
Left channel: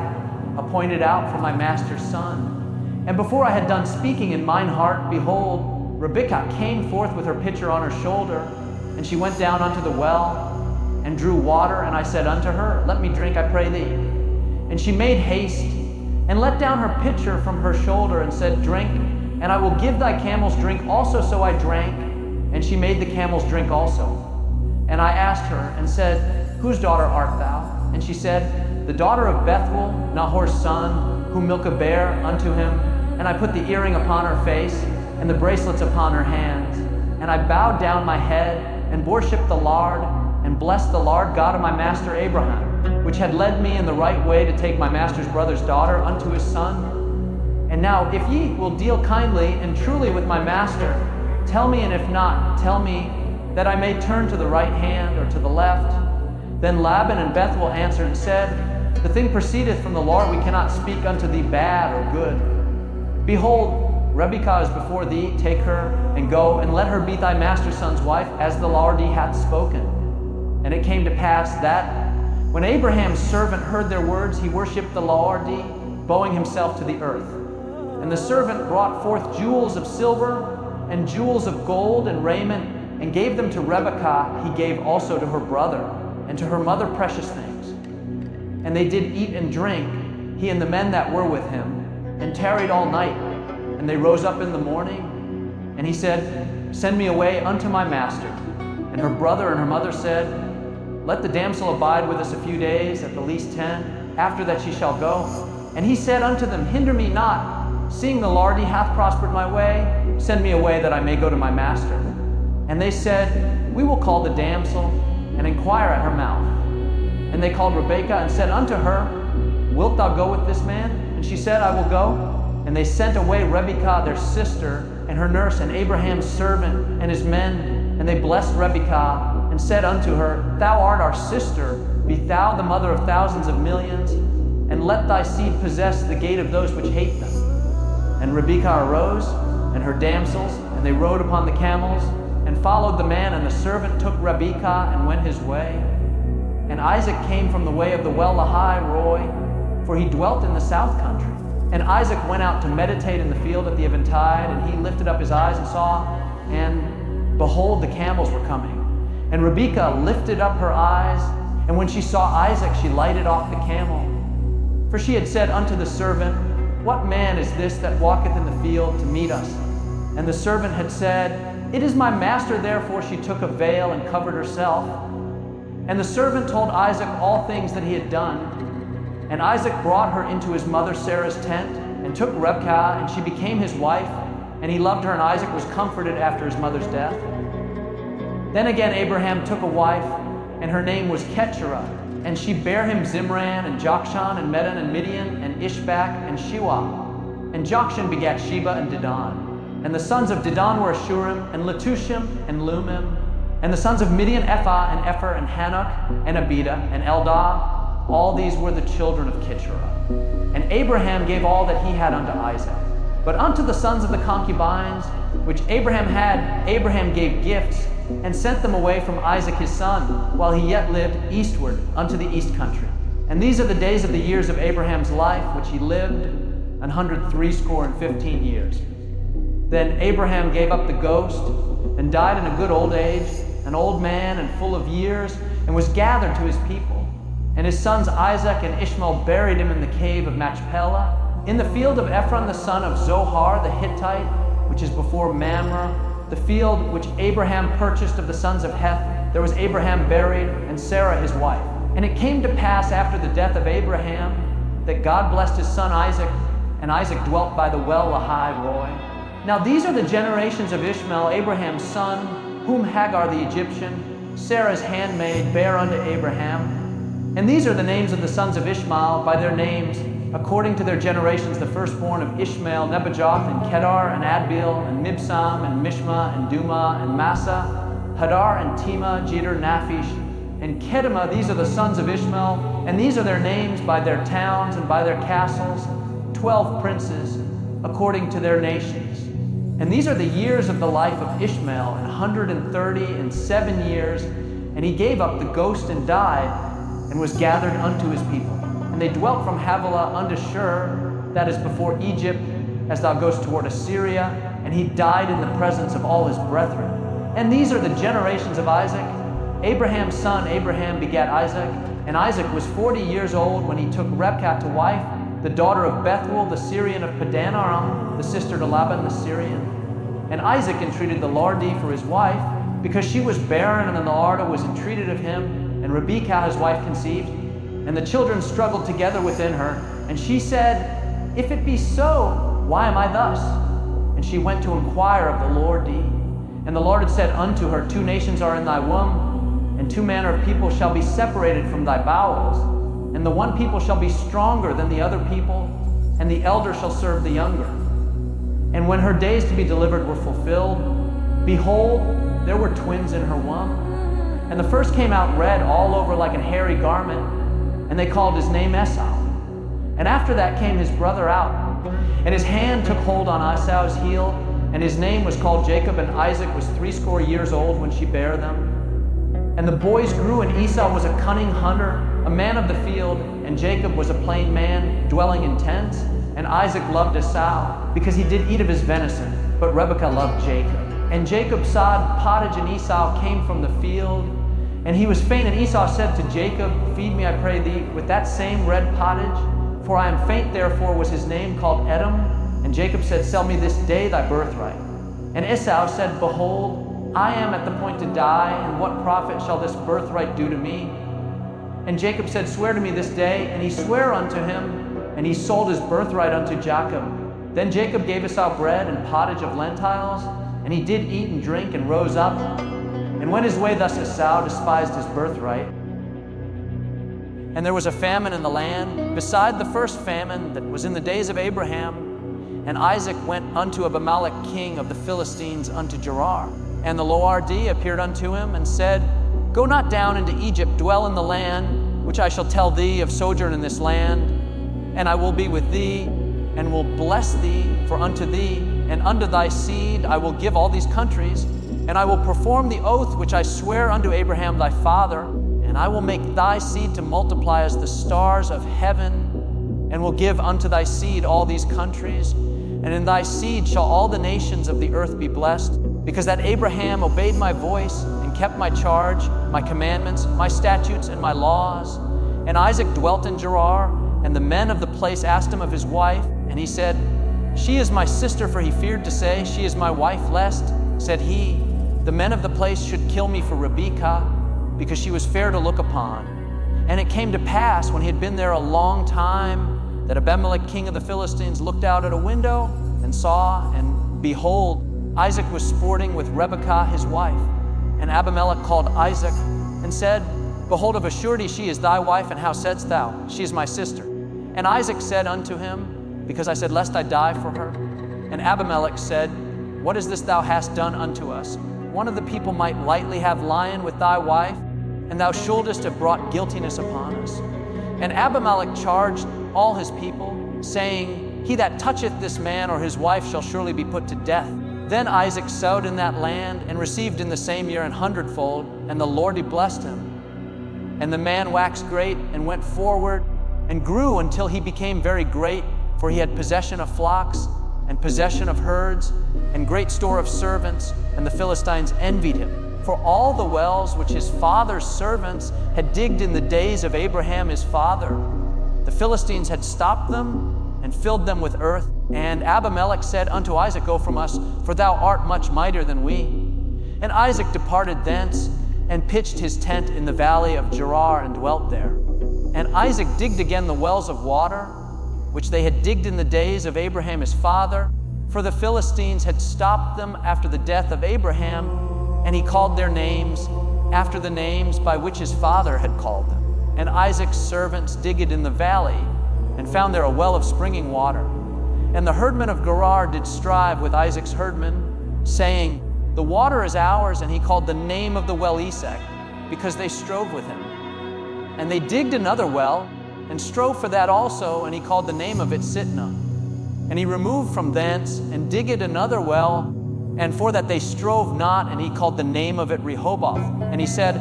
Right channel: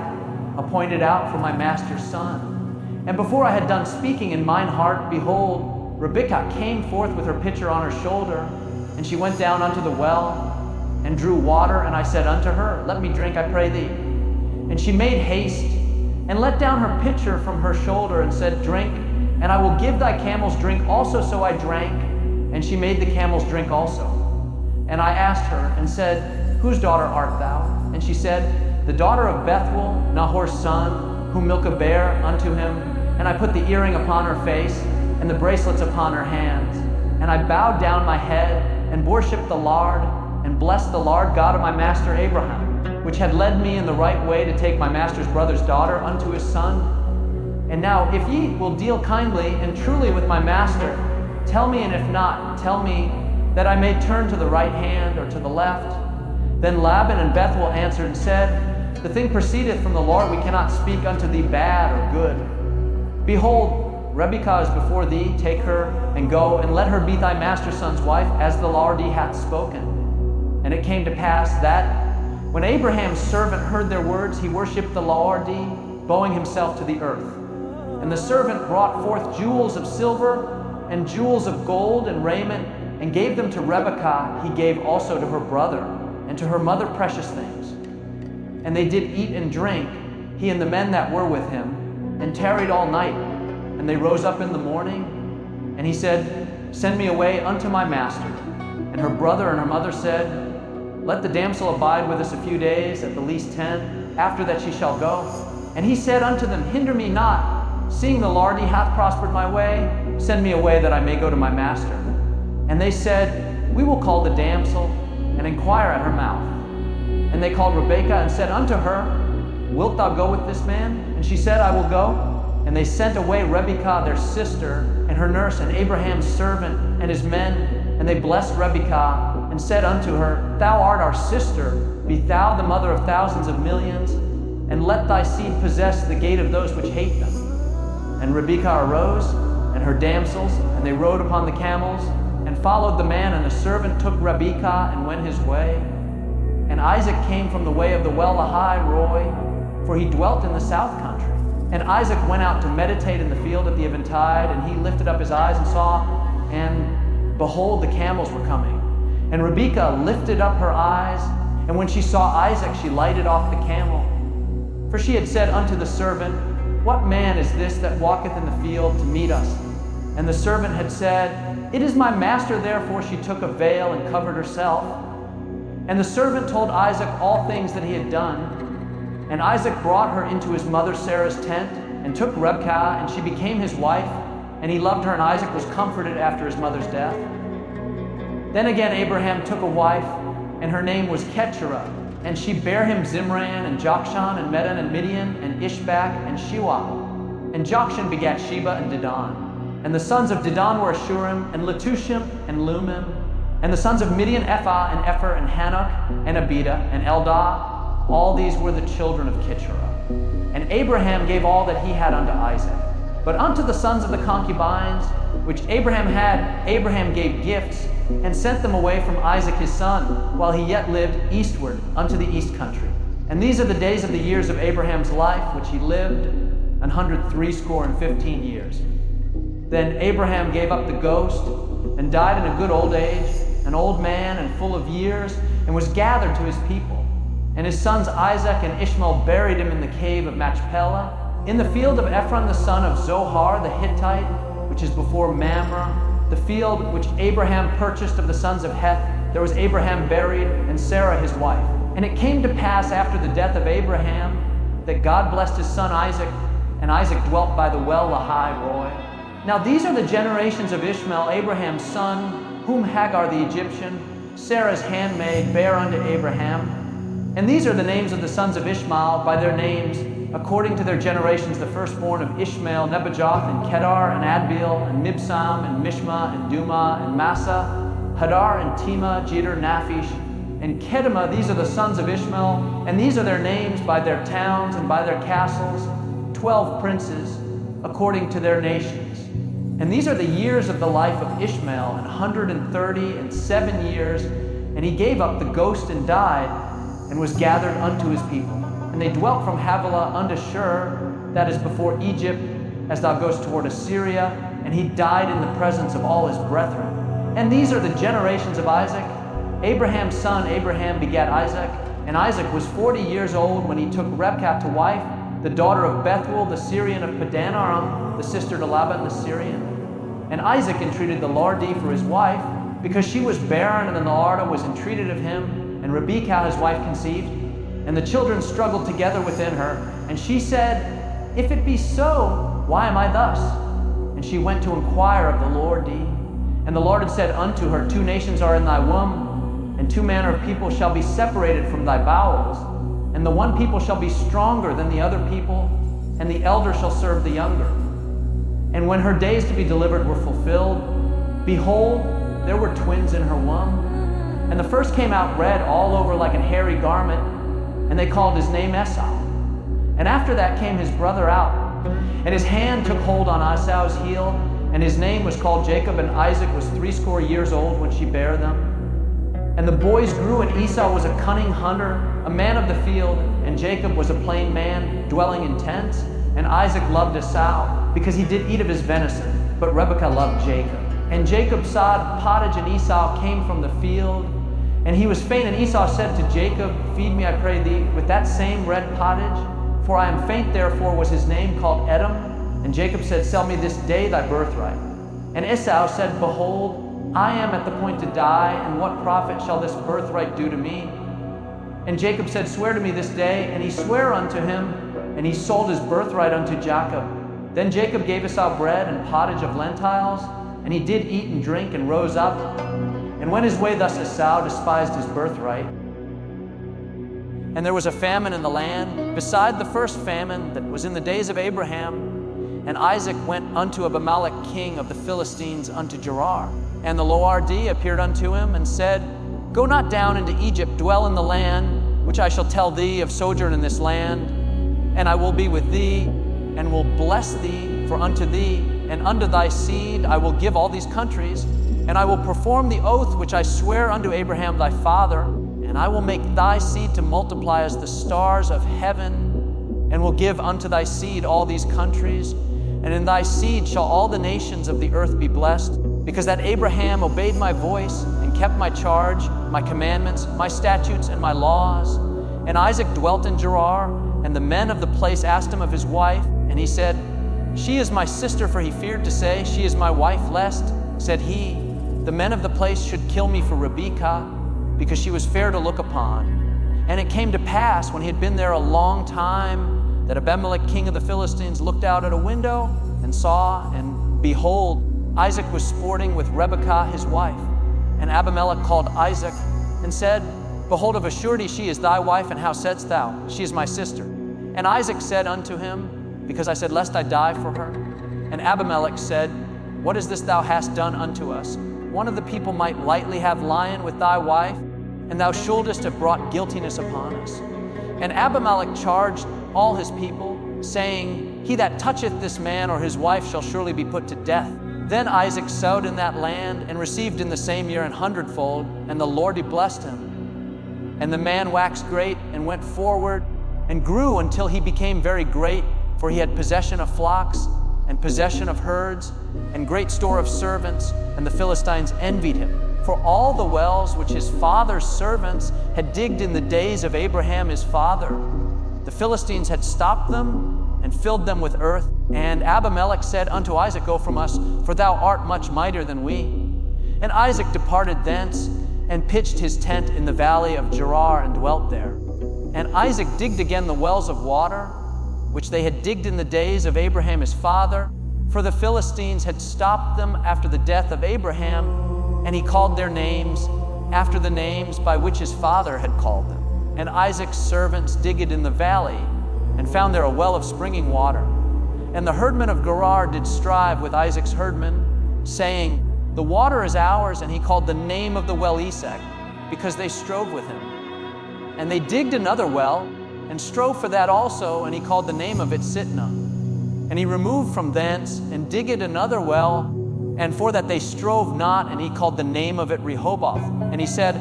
appointed out for my master's son. And before I had done speaking in mine heart, behold, Rebekah came forth with her pitcher on her shoulder, and she went down unto the well, and drew water, and I said unto her, Let me drink, I pray thee. And she made haste, and let down her pitcher from her shoulder, and said, Drink, and I will give thy camels drink also. So I drank, and she made the camels drink also. And I asked her, and said, Whose daughter art thou? And she said, The daughter of Bethuel, Nahor's son, whom Milcah bare unto him. And I put the earring upon her face, and the bracelets upon her hands. And I bowed down my head, and worshiped the Lord, and blessed the Lord God of my master Abraham, which had led me in the right way to take my master's brother's daughter unto his son. And now, if ye will deal kindly and truly with my master, tell me, and if not, tell me, that I may turn to the right hand or to the left. Then Laban and Bethuel answered and said, The thing proceedeth from the Lord, we cannot speak unto thee bad or good. Behold, Rebekah is before thee, take her, and go, and let her be thy master's son's wife, as the Lord hath spoken. And it came to pass that, when Abraham's servant heard their words, he worshipped the Lord, bowing himself to the earth. And the servant brought forth jewels of silver, and jewels of gold, and raiment, and gave them to Rebekah. He gave also to her brother, and to her mother precious things. And they did eat and drink, he and the men that were with him, and tarried all night. And they rose up in the morning, and he said, Send me away unto my master. And her brother and her mother said, Let the damsel abide with us a few days, at the least 10, after that she shall go. And he said unto them, Hinder me not, seeing the Lord hath prospered my way. Send me away that I may go to my master. And they said, We will call the damsel, and inquire at her mouth. And they called Rebekah, and said unto her, Wilt thou go with this man? And she said, I will go. And they sent away Rebekah their sister, and her nurse, and Abraham's servant, and his men. And they blessed Rebekah, and said unto her, Thou art our sister, be thou the mother of thousands of millions, and let thy seed possess the gate of those which hate them. And Rebekah arose, and her damsels, and they rode upon the camels, and followed the man. And the servant took Rebekah, and went his way. And Isaac came from the way of the well Lahai Roi, for he dwelt in the south country. And Isaac went out to meditate in the field at the eventide, and he lifted up his eyes and saw, and behold, the camels were coming. And Rebekah lifted up her eyes, and when she saw Isaac, she lighted off the camel. For she had said unto the servant, What man is this that walketh in the field to meet us? And the servant had said, It is my master. Therefore she took a veil and covered herself. And the servant told Isaac all things that he had done. And Isaac brought her into his mother Sarah's tent, and took Rebekah, and she became his wife. And he loved her, and Isaac was comforted after his mother's death. Then again Abraham took a wife, and her name was Keturah. And she bare him Zimran, and Jokshan, and Medan, and Midian, and Ishbak, and Shua. And Jokshan begat Sheba and Dedan. And the sons of Dedan were Ashurim, and Letushim, and Lumim. And the sons of Midian, Ephah, and Epher, and Hanok, and Abida, and Eldah. All these were the children of Keturah. And Abraham gave all that he had unto Isaac. But unto the sons of the concubines, which Abraham had, Abraham gave gifts, and sent them away from Isaac his son, while he yet lived eastward unto the east country. And these are the days of the years of Abraham's life, which he lived, 160 years. Then Abraham gave up the ghost, and died in a good old age, an old man and full of years, and was gathered to his people. And his sons Isaac and Ishmael buried him in the cave of Machpelah, in the field of Ephron the son of Zohar the Hittite, which is before Mamre, the field which Abraham purchased of the sons of Heth. There was Abraham buried, and Sarah his wife. And it came to pass after the death of Abraham that God blessed his son Isaac, and Isaac dwelt by the well Lahai Roi. Now these are the generations of Ishmael, Abraham's son, whom Hagar the Egyptian, Sarah's handmaid, bare unto Abraham. And these are the names of the sons of Ishmael by their names, according to their generations: the firstborn of Ishmael, Nebajoth, and Kedar, and Adbeel, and Mibsam, and Mishma, and Duma, and Massa, Hadar, and Tema, Jeter, Naphish, and Kedema. These are the sons of Ishmael, and these are their names by their towns and by their castles, 12 princes, according to their nations. And these are the years of the life of Ishmael, 137 years, and he gave up the ghost and died, and was gathered unto his people. And they dwelt from Havilah unto Shur, that is before Egypt, as thou goest toward Assyria, and he died in the presence of all his brethren. And these are the generations of Isaac. Abraham's son Abraham begat Isaac, and Isaac was 40 years old when he took Rebekah to wife, the daughter of Bethuel the Syrian of Padan Aram, the sister to Laban the Syrian. And Isaac entreated the Lordee for his wife, because she was barren, and then the Lord was entreated of him, and Rebekah his wife conceived. And the children struggled together within her, and she said, If it be so, why am I thus? And she went to inquire of the Lordee. And the Lord had said unto her, 2 nations are in thy womb, and 2 manner of people shall be separated from thy bowels. And the one people shall be stronger than the other people, and the elder shall serve the younger. And when her days to be delivered were fulfilled, behold, there were twins in her womb. And the first came out red all over like an hairy garment, and they called his name Esau. And after that came his brother out, and his hand took hold on Esau's heel, and his name was called Jacob. And Isaac was 80 years old when she bare them. And the boys grew, and Esau was a cunning hunter, a man of the field, and Jacob was a plain man, dwelling in tents. And Isaac loved Esau, because he did eat of his venison, but Rebekah loved Jacob. And Jacob sawed pottage, and Esau came from the field. And he was faint, and Esau said to Jacob, Feed me, I pray thee, with that same red pottage. For I am faint, therefore was his name called Edom. And Jacob said, Sell me this day thy birthright. And Esau said, Behold, I am at the point to die, and what profit shall this birthright do to me? And Jacob said, Swear to me this day. And he sware unto him, and he sold his birthright unto Jacob. Then Jacob gave Esau bread and pottage of lentiles, and he did eat and drink, and rose up, and went his way. Thus Esau despised his birthright. And there was a famine in the land, beside the first famine that was in the days of Abraham. And Isaac went unto Abimelech king of the Philistines unto Gerar. And the Lordee appeared unto him, and said, Go not down into Egypt, dwell in the land, which I shall tell thee of sojourn in this land. And I will be with thee, and will bless thee, for unto thee and unto thy seed I will give all these countries. And I will perform the oath which I swear unto Abraham thy father, and I will make thy seed to multiply as the stars of heaven, and will give unto thy seed all these countries. And in thy seed shall all the nations of the earth be blessed, because that Abraham obeyed my voice, and kept my charge, my commandments, my statutes, and my laws. And Isaac dwelt in Gerar, and the men of the place asked him of his wife, and he said, She is my sister, for he feared to say, She is my wife, lest, said he, the men of the place should kill me for Rebekah, because she was fair to look upon. And it came to pass, when he had been there a long time, that Abimelech king of the Philistines looked out at a window, and saw, and behold, Isaac was sporting with Rebekah his wife. And Abimelech called Isaac, and said, Behold, of a surety she is thy wife, and how saidst thou, She is my sister? And Isaac said unto him, Because I said, Lest I die for her. And Abimelech said, What is this thou hast done unto us? One of the people might lightly have lion with thy wife, and thou shouldest have brought guiltiness upon us. And Abimelech charged all his people, saying, He that toucheth this man or his wife shall surely be put to death. Then Isaac sowed in that land, and received in the same year 100-fold, and the Lord blessed him. And the man waxed great, and went forward, and grew until he became very great, for he had possession of flocks, and possession of herds, and great store of servants, and the Philistines envied him. For all the wells which his father's servants had digged in the days of Abraham his father, the Philistines had stopped them and filled them with earth. And Abimelech said unto Isaac, Go from us, for thou art much mightier than we. And Isaac departed thence and pitched his tent in the valley of Gerar and dwelt there. And Isaac digged again the wells of water, which they had digged in the days of Abraham his father, for the Philistines had stopped them after the death of Abraham, and he called their names after the names by which his father had called them. And Isaac's servants digged in the valley, and found there a well of springing water. And the herdmen of Gerar did strive with Isaac's herdmen, saying, The water is ours. And he called the name of the well Esek, because they strove with him. And they digged another well, and strove for that also, and he called the name of it Sitnah. And he removed from thence, and digged another well, and for that they strove not, and he called the name of it Rehoboth. And he said,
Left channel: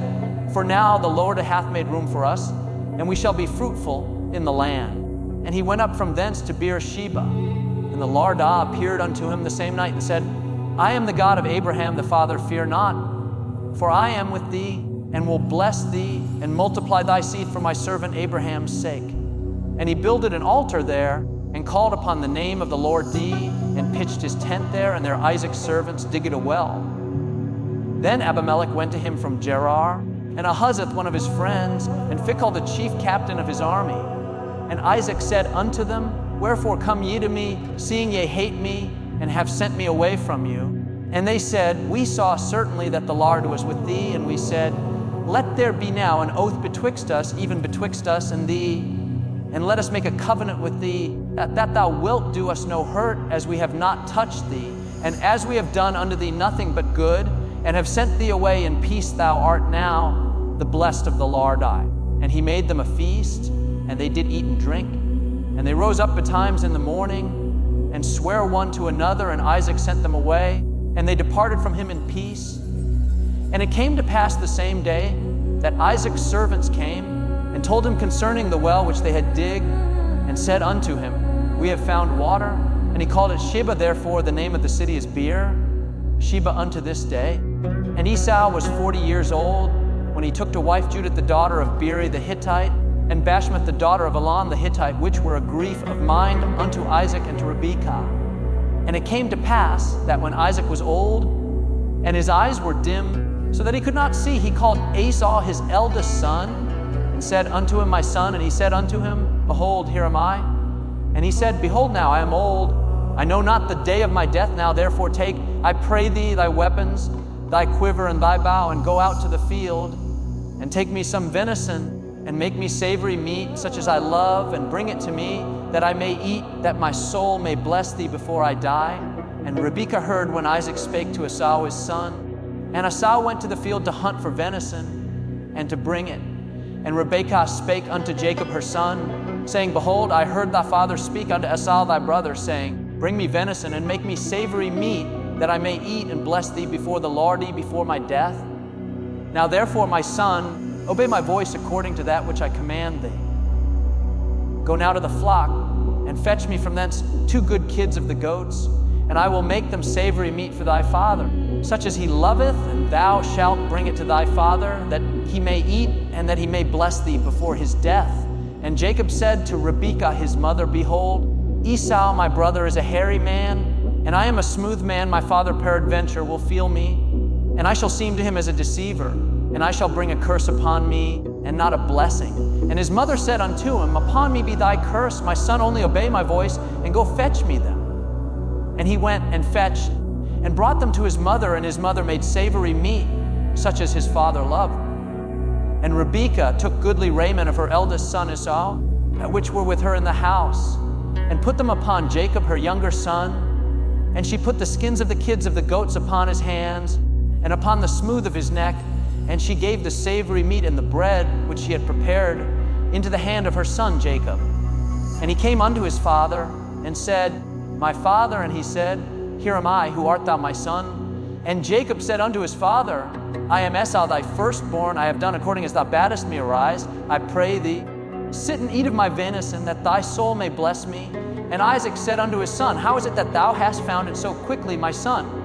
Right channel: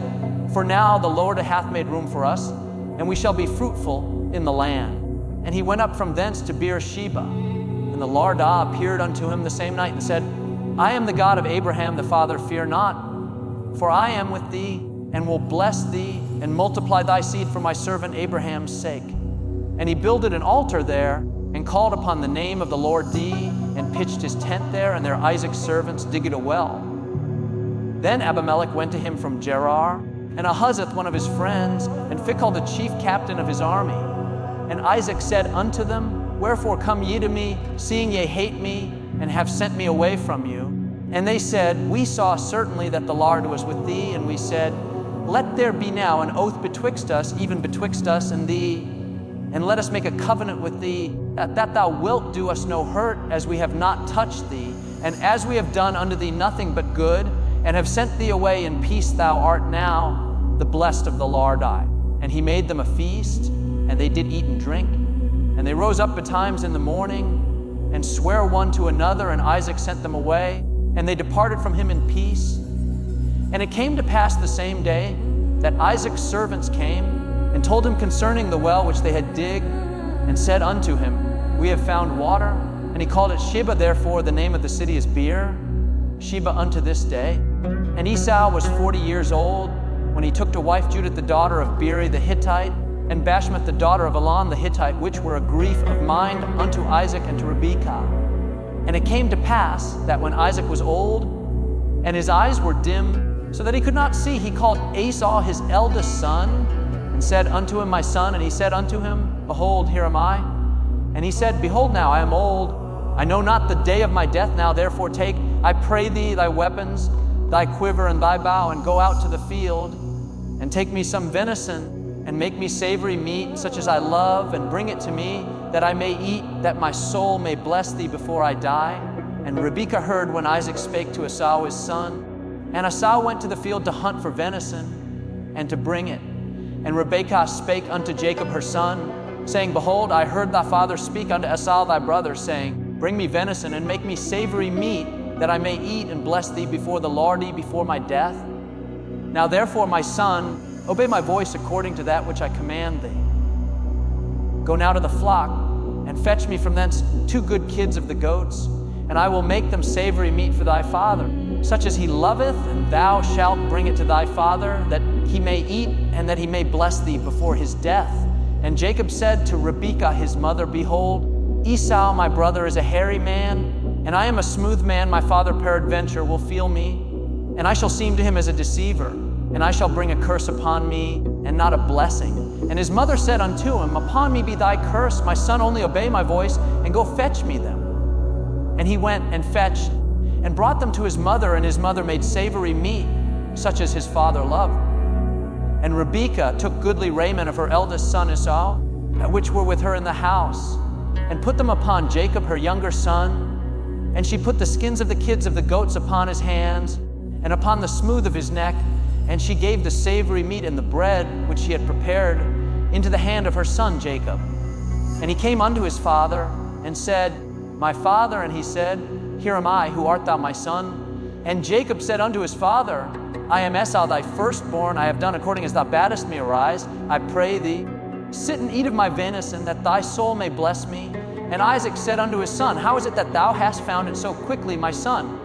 For now the Lord hath made room for us, and we shall be fruitful in the land. And he went up from thence to Beersheba. And the Lord appeared unto him the same night, and said, I am the God of Abraham the father, fear not, for I am with thee, and will bless thee, and multiply thy seed for my servant Abraham's sake. And he builded an altar there, and called upon the name of the Lord Dee, and pitched his tent there, and there Isaac's servants digged a well. Then Abimelech went to him from Gerar, and Ahuzzath one of his friends, and Phicol the chief captain of his army. And Isaac said unto them, Wherefore come ye to me, seeing ye hate me, and have sent me away from you? And they said, We saw certainly that the Lord was with thee, and we said, Let there be now an oath betwixt us, even betwixt us and thee, and let us make a covenant with thee, that thou wilt do us no hurt, as we have not touched thee, and as we have done unto thee nothing but good, and have sent thee away in peace. Thou art now the blessed of the Lord. And he made them a feast, and they did eat and drink. And they rose up betimes in the morning, and sware one to another, and Isaac sent them away, and they departed from him in peace. And it came to pass the same day that Isaac's servants came, and told him concerning the well which they had digged, and said unto him, We have found water. And he called it Sheba, therefore the name of the city is Beer, Sheba unto this day. And Esau was 40 years old, when he took to wife Judith the daughter of Beeri the Hittite, and Bashmath the daughter of Elon the Hittite, which were a grief of mind unto Isaac and to Rebekah. And it came to pass that when Isaac was old, and his eyes were dim, so that he could not see, he called Esau his eldest son, and said unto him, My son. And he said unto him, Behold, here am I. And he said, Behold now, I am old. I know not the day of my death now. Therefore take, I pray thee, thy weapons, thy quiver and thy bow, and go out to the field, and take me some venison, and make me savory meat, such as I love, and bring it to me, that I may eat, that my soul may bless thee before I die. And Rebekah heard when Isaac spake to Esau his son. And Esau went to the field to hunt for venison, and to bring it. And Rebekah spake unto Jacob her son, saying, Behold, I heard thy father speak unto Esau thy brother, saying, Bring me venison, and make me savory meat, that I may eat and bless thee before the Lord before my death. Now therefore, my son, obey my voice according to that which I command thee. Go now to the flock, and fetch me from thence 2 good kids of the goats, and I will make them savory meat for thy father, such as he loveth, and thou shalt bring it to thy father, that he may eat, and that he may bless thee before his death. And Jacob said to Rebekah his mother, Behold, Esau my brother is a hairy man, and I am a smooth man. My father peradventure will feel me, and I shall seem to him as a deceiver, and I shall bring a curse upon me, and not a blessing. And his mother said unto him, Upon me be thy curse, my son, only obey my voice, and go fetch me them. And he went and fetched, and brought them to his mother, and his mother made savory meat, such as his father loved. And Rebekah took goodly raiment of her eldest son Esau, which were with her in the house, and put them upon Jacob her younger son. And she put the skins of the kids of the goats upon his hands, and upon the smooth of his neck, and she gave the savory meat and the bread which she had prepared into the hand of her son Jacob. And he came unto his father, and said, My father. And he said, Here am I, who art thou, my son? And Jacob said unto his father, I am Esau thy firstborn. I have done according as thou badest me. Arise, I pray thee, sit and eat of my venison, that thy soul may bless me. And Isaac said unto his son, How is it that thou hast found it so quickly, my son?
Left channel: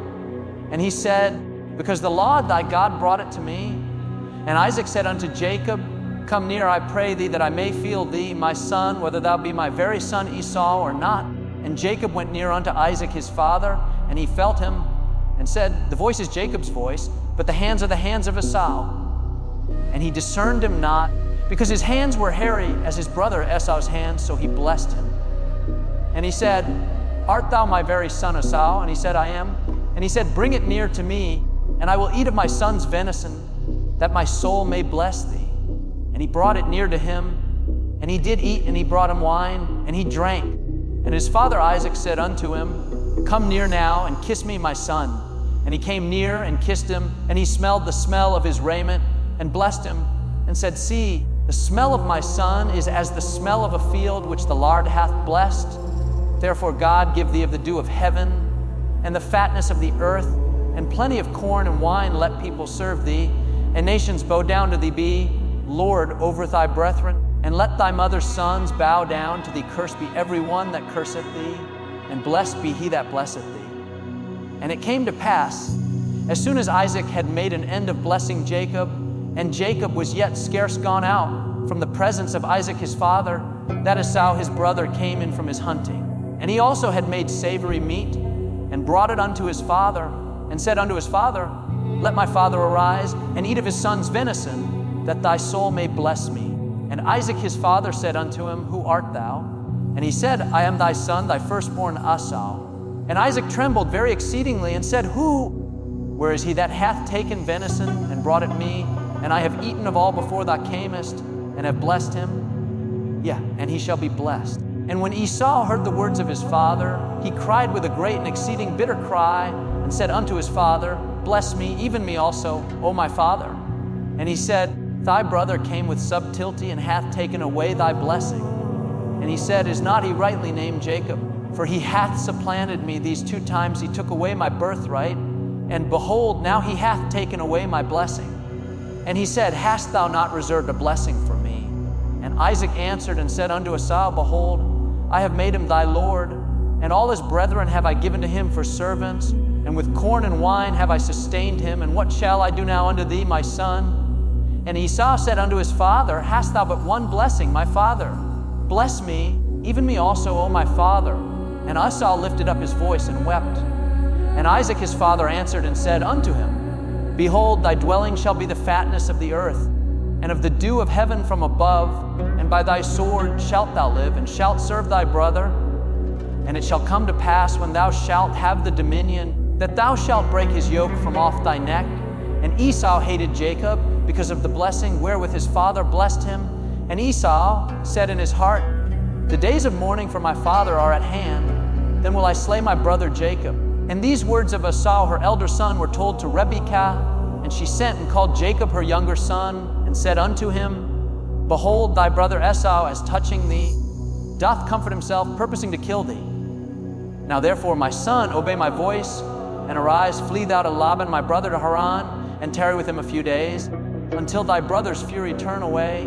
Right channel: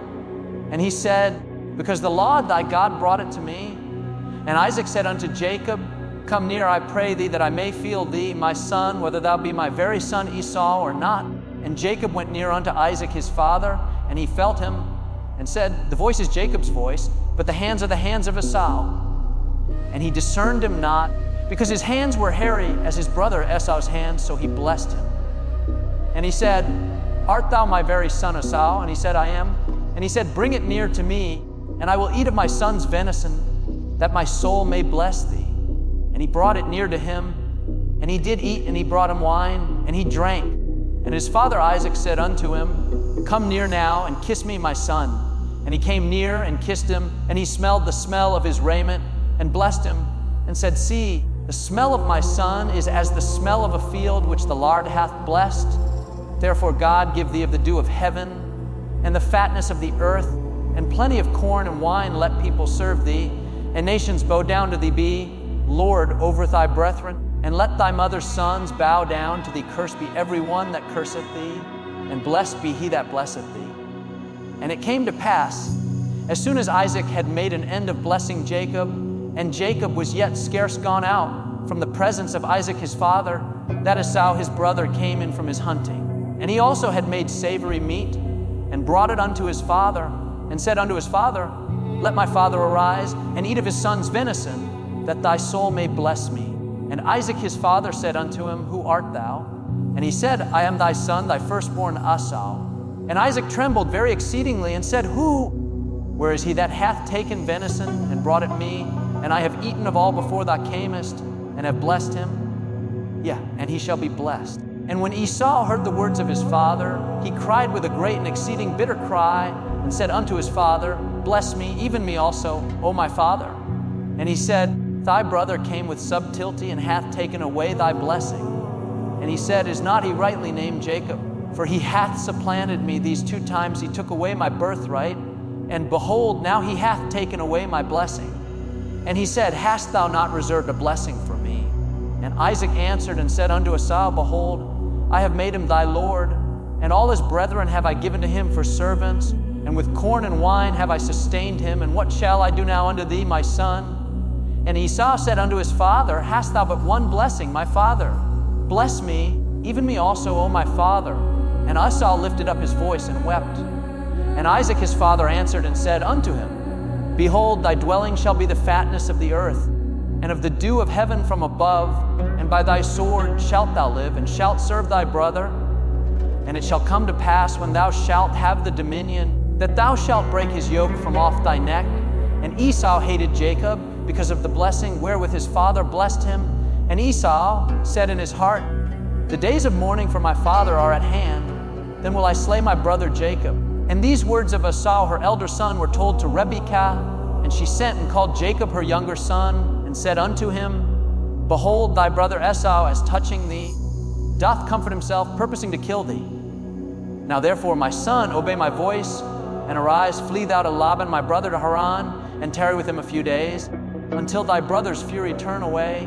And he said, because the Lord thy God brought it to me. And Isaac said unto Jacob, Come near, I pray thee, that I may feel thee, my son, whether thou be my very son Esau or not. And Jacob went near unto Isaac his father, and he felt him, and said, The voice is Jacob's voice, but the hands are the hands of Esau. And he discerned him not, because his hands were hairy as his brother Esau's hands, so he blessed him. And he said, Art thou my very son Esau? And he said, I am. And he said, Bring it near to me, and I will eat of my son's venison, that my soul may bless thee. And he brought it near to him, and he did eat, and he brought him wine, and he drank. And his father Isaac said unto him, Come near now, and kiss me, my son. And he came near and kissed him, and he smelled the smell of his raiment, and blessed him, and said, See, the smell of my son is as the smell of a field which the Lord hath blessed. Therefore God give thee of the dew of heaven, and the fatness of the earth, and plenty of corn and wine let people serve thee, and nations bow down to thee be, Lord over thy brethren, and let thy mother's sons bow down to thee. Cursed be every one that curseth thee, and blessed be he that blesseth thee. And it came to pass, as soon as Isaac had made an end of blessing Jacob, and Jacob was yet scarce gone out from the presence of Isaac his father, that Esau his brother came in from his hunting. And he also had made savory meat, and brought it unto his father, and said unto his father, Let my father arise, and eat of his son's venison, that thy soul may bless me. And Isaac his father said unto him, Who art thou? And he said, I am thy son, thy firstborn Esau. And Isaac trembled very exceedingly, and said, Who? Where is he that hath taken venison, and brought it me? And I have eaten of all before thou camest, and have blessed him. And he shall be blessed. And when Esau heard the words of his father, he cried with a great and exceeding bitter cry, and said unto his father, Bless me, even me also, O my father. And he said, Thy brother came with subtlety, and hath taken away thy blessing. And he said, Is not he rightly named Jacob? For he hath supplanted me these 2 times. He took away my birthright, and behold, now he hath taken away my blessing. And he said, Hast thou not reserved a blessing for me? And Isaac answered and said unto Esau, Behold, I have made him thy lord, and all his brethren have I given to him for servants, and with corn and wine have I sustained him. And what shall I do now unto thee, my son? And Esau said unto his father, Hast thou but one blessing, my father? Bless me, even me also, O my father. And Esau lifted up his voice and wept. And Isaac his father answered and said unto him, Behold, thy dwelling shall be the fatness of the earth, and of the dew of heaven from above, and by thy sword shalt thou live, and shalt serve thy brother. And it shall come to pass, when thou shalt have the dominion, that thou shalt break his yoke from off thy neck. And Esau hated Jacob because of the blessing wherewith his father blessed him. And Esau said in his heart, The days of mourning for my father are at hand, then will I slay my brother Jacob. And these words of Esau, her elder son, were told to Rebekah, and she sent and called Jacob her younger son, and said unto him, Behold, thy brother Esau, as touching thee, doth comfort himself, purposing to kill thee. Now therefore, my son, obey my voice, and arise, flee thou to Laban my brother to Haran, and tarry with him a few days, until thy brother's fury turn away,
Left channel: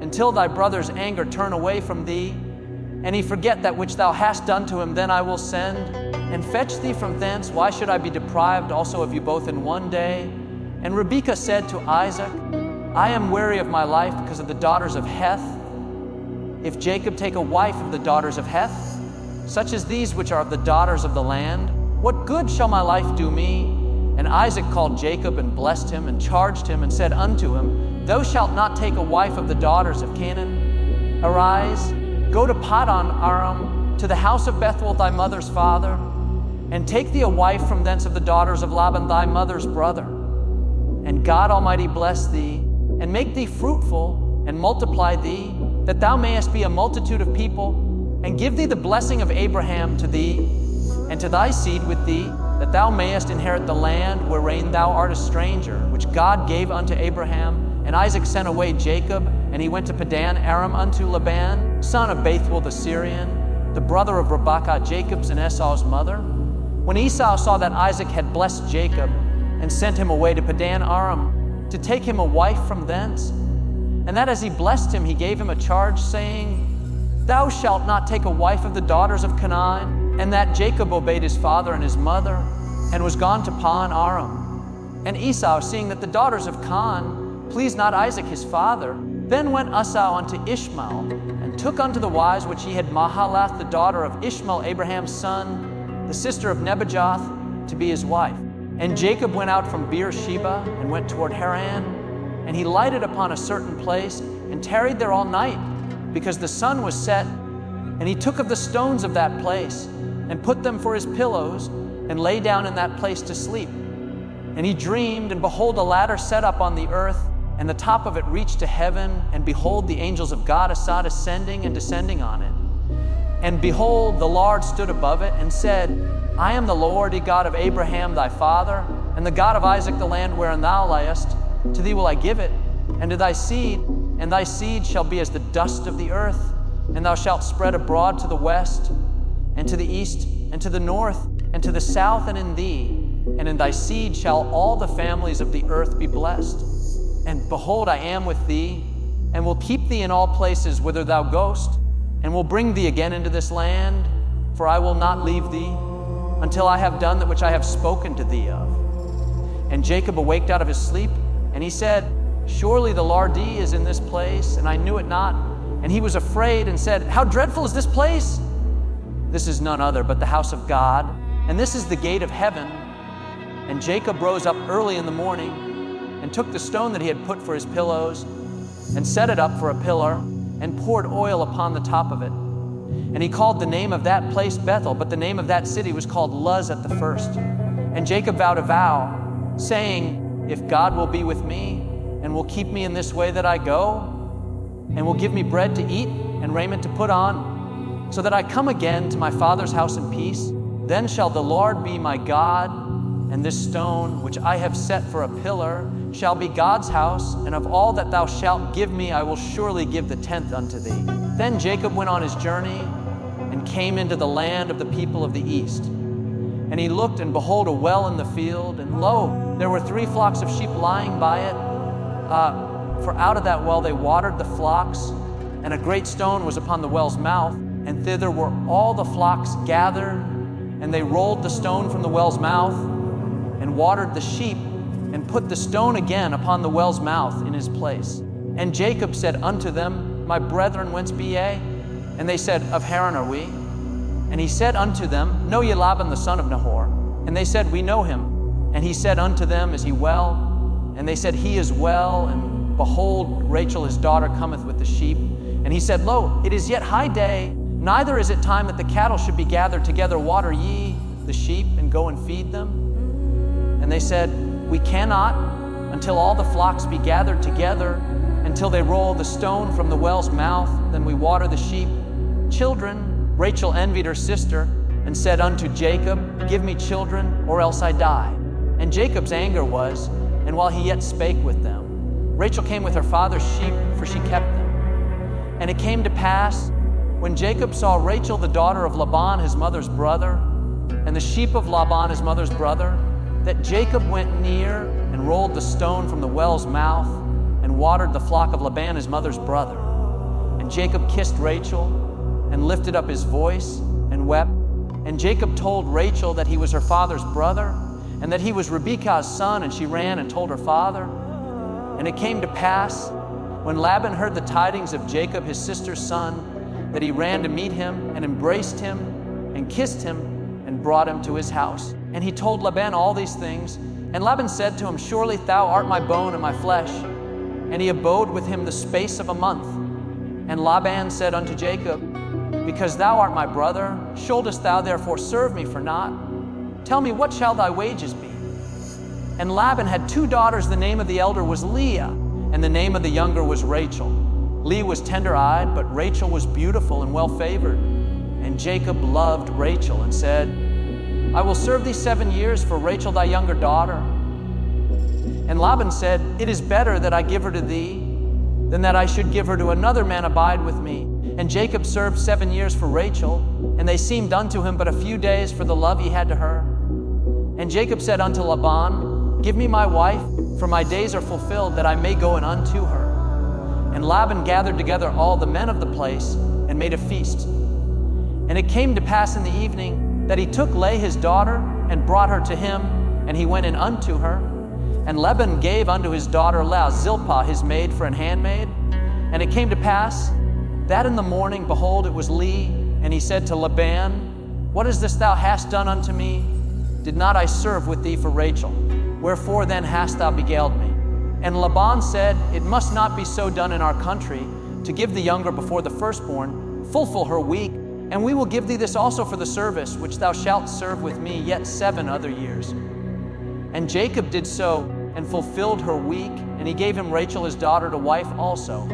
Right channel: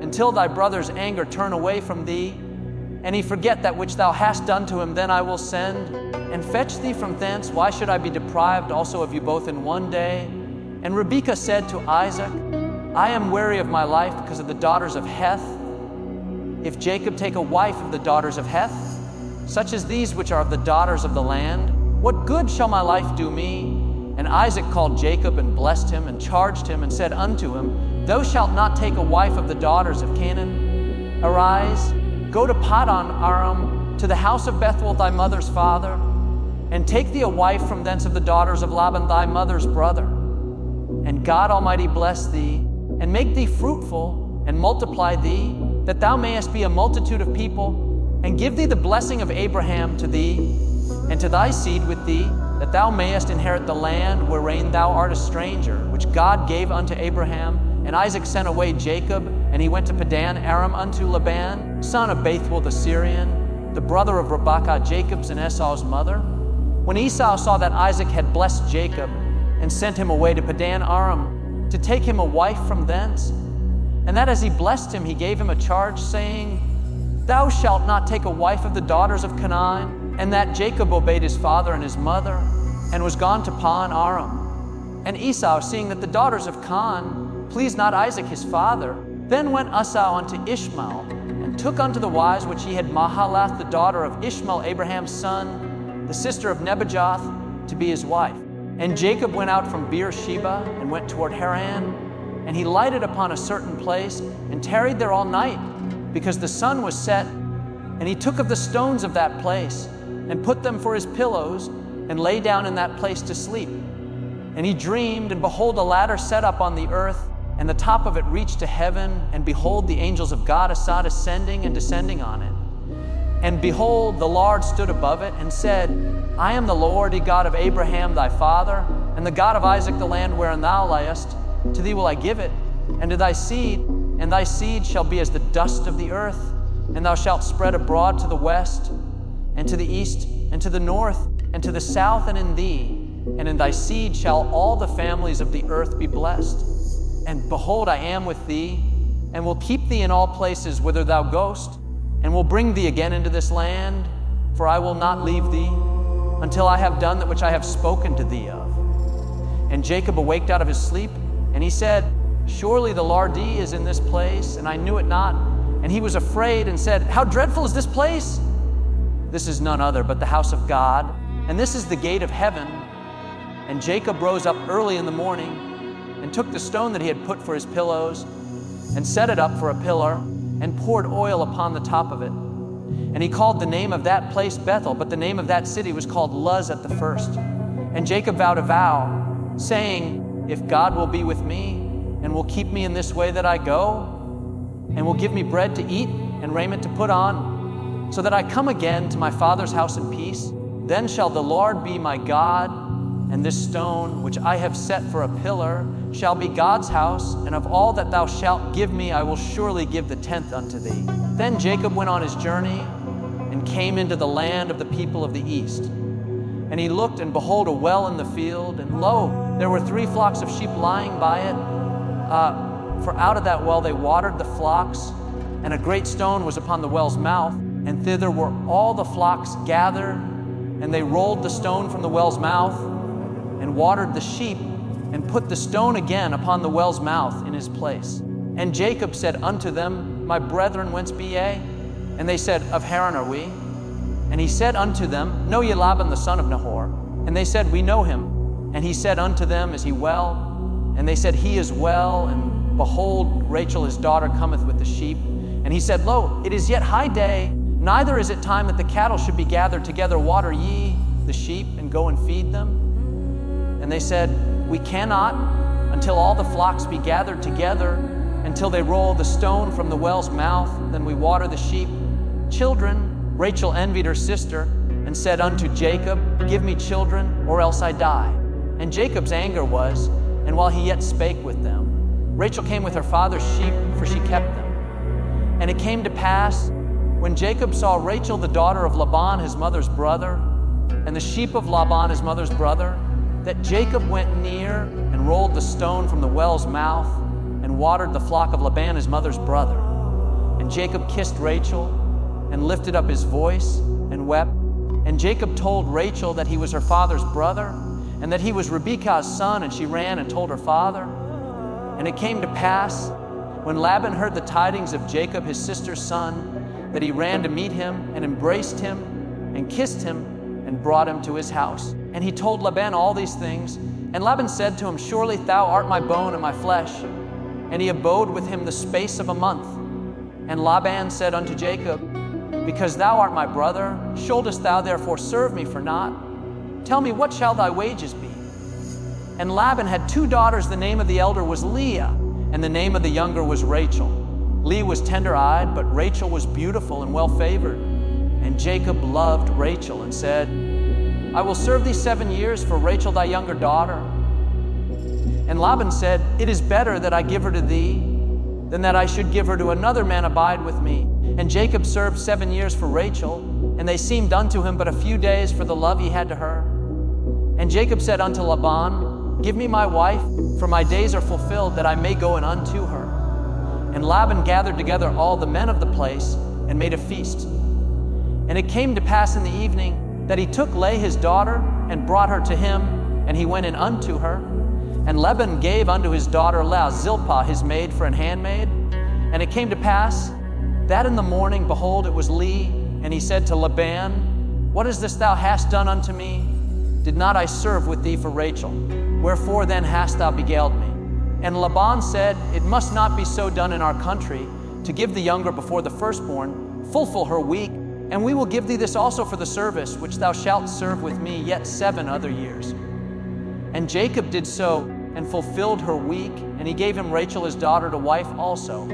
until thy brother's anger turn away from thee, and he forget that which thou hast done to him. Then I will send and fetch thee from thence. Why should I be deprived also of you both in one day? And Rebekah said to Isaac, I am weary of my life because of the daughters of Heth. If Jacob take a wife of the daughters of Heth, such as these which are of the daughters of the land, what good shall my life do me? And Isaac called Jacob and blessed him and charged him and said unto him, Thou shalt not take a wife of the daughters of Canaan. Arise, go to Paddan Aram, to the house of Bethuel thy mother's father, and take thee a wife from thence of the daughters of Laban thy mother's brother. And God Almighty bless thee, and make thee fruitful, and multiply thee, that thou mayest be a multitude of people, and give thee the blessing of Abraham to thee, and to thy seed with thee, that thou mayest inherit the land wherein thou art a stranger, which God gave unto Abraham. And Isaac sent away Jacob, and he went to Paddan Aram unto Laban, son of Bethuel the Syrian, the brother of Rebekah, Jacob's and Esau's mother. When Esau saw that Isaac had blessed Jacob, and sent him away to Paddan Aram, to take him a wife from thence, and that as he blessed him, he gave him a charge, saying, Thou shalt not take a wife of the daughters of Canaan. And that Jacob obeyed his father and his mother, and was gone to Paddan Aram. And Esau, seeing that the daughters of Canaan pleased not Isaac his father, then went Esau unto Ishmael, and took unto the wives which he had Mahalath, the daughter of Ishmael, Abraham's son, the sister of Nebajoth, to be his wife. And Jacob went out from Beersheba, and went toward Haran, and he lighted upon a certain place, and tarried there all night, because the sun was set. And he took of the stones of that place, and put them for his pillows, and lay down in that place to sleep. And he dreamed, and behold, a ladder set up on the earth, and the top of it reached to heaven, and behold, the angels of God saw ascending and descending on it. And behold, the Lord stood above it, and said, I am the Lord, the God of Abraham thy father, and the God of Isaac, the land wherein thou liest. To thee will I give it, and to thy seed, and thy seed shall be as the dust of the earth, and thou shalt spread abroad to the west, and to the east, and to the north, and to the south, and in thee, and in thy seed shall all the families of the earth be blessed. And behold, I am with thee, and will keep thee in all places whither thou goest, and will bring thee again into this land, for I will not leave thee until I have done that which I have spoken to thee of. And Jacob awaked out of his sleep, and he said, Surely the Lord is in this place, and I knew it not. And he was afraid and said, How dreadful is this place? This is none other but the house of God, and this is the gate of heaven. And Jacob rose up early in the morning, and took the stone that he had put for his pillows, and set it up for a pillar, and poured oil upon the top of it. And he called the name of that place Bethel, but the name of that city was called Luz at the first. And Jacob vowed a vow, saying, If God will be with me, and will keep me in this way that I go, and will give me bread to eat and raiment to put on, so that I come again to my father's house in peace, then shall the Lord be my God, and this stone which I have set for a pillar shall be God's house, and of all that thou shalt give me I will surely give the tenth unto thee. Then Jacob went on his journey, and came into the land of the people of the east. And he looked, and behold, a well in the field, and lo, there were 3 flocks of sheep lying by it. For out of that well they watered the flocks, and a great stone was upon the well's mouth, and thither were all the flocks gathered, and they rolled the stone from the well's mouth, and watered the sheep, and put the stone again upon the well's mouth in his place. And Jacob said unto them, My brethren, whence be ye? And they said, Of Haran are we. And he said unto them, Know ye Laban the son of Nahor? And they said, We know him. And he said unto them, Is he well? And they said, He is well. And behold, Rachel his daughter cometh with the sheep. And he said, Lo, it is yet high day, neither is it time that the cattle should be gathered together. Water ye the sheep, and go and feed them. And they said, We cannot until all the flocks be gathered together, until they roll the stone from the well's mouth, then we water the sheep. Children, Rachel envied her sister, and said unto Jacob, Give me children, or else I die. And Jacob's anger was, and while he yet spake with them, Rachel came with her father's sheep, for she kept them. And it came to pass, when Jacob saw Rachel the daughter of Laban his mother's brother, and the sheep of Laban his mother's brother, that Jacob went near and rolled the stone from the well's mouth, and watered the flock of Laban his mother's brother. And Jacob kissed Rachel, and lifted up his voice, and wept. And Jacob told Rachel that he was her father's brother, and that he was Rebekah's son, and she ran and told her father. And it came to pass, when Laban heard the tidings of Jacob his sister's son, that he ran to meet him, and embraced him, and kissed him, and brought him to his house. And he told Laban all these things. And Laban said to him, Surely thou art my bone and my flesh. And he abode with him the space of a month. And Laban said unto Jacob, Because thou art my brother, shouldest thou therefore serve me for naught? Tell me, what shall thy wages be? And Laban had 2 daughters. The name of the elder was Leah, and the name of the younger was Rachel. Leah was tender-eyed, but Rachel was beautiful and well-favored. And Jacob loved Rachel, and said, I will serve thee 7 years for Rachel thy younger daughter. And Laban said, It is better that I give her to thee, than that I should give her to another man abide with me. And Jacob served 7 years for Rachel, and they seemed unto him but a few days for the love he had to her. And Jacob said unto Laban, Give me my wife, for my days are fulfilled, that I may go in unto her. And Laban gathered together all the men of the place, and made a feast. And it came to pass in the evening, that he took Leah his daughter, and brought her to him, and he went in unto her. And Laban gave unto his daughter Leah Zilpah his maid for an handmaid. And it came to pass that in the morning, behold, it was Leah, and he said to Laban, What is this thou hast done unto me? Did not I serve with thee for Rachel? Wherefore then hast thou beguiled me? And Laban said, It must not be so done in our country, to give the younger before the firstborn. Fulfill her week, and we will give thee this also for the service which thou shalt serve with me yet 7 other years. And Jacob did so, and fulfilled her week, and he gave him Rachel his daughter to wife also.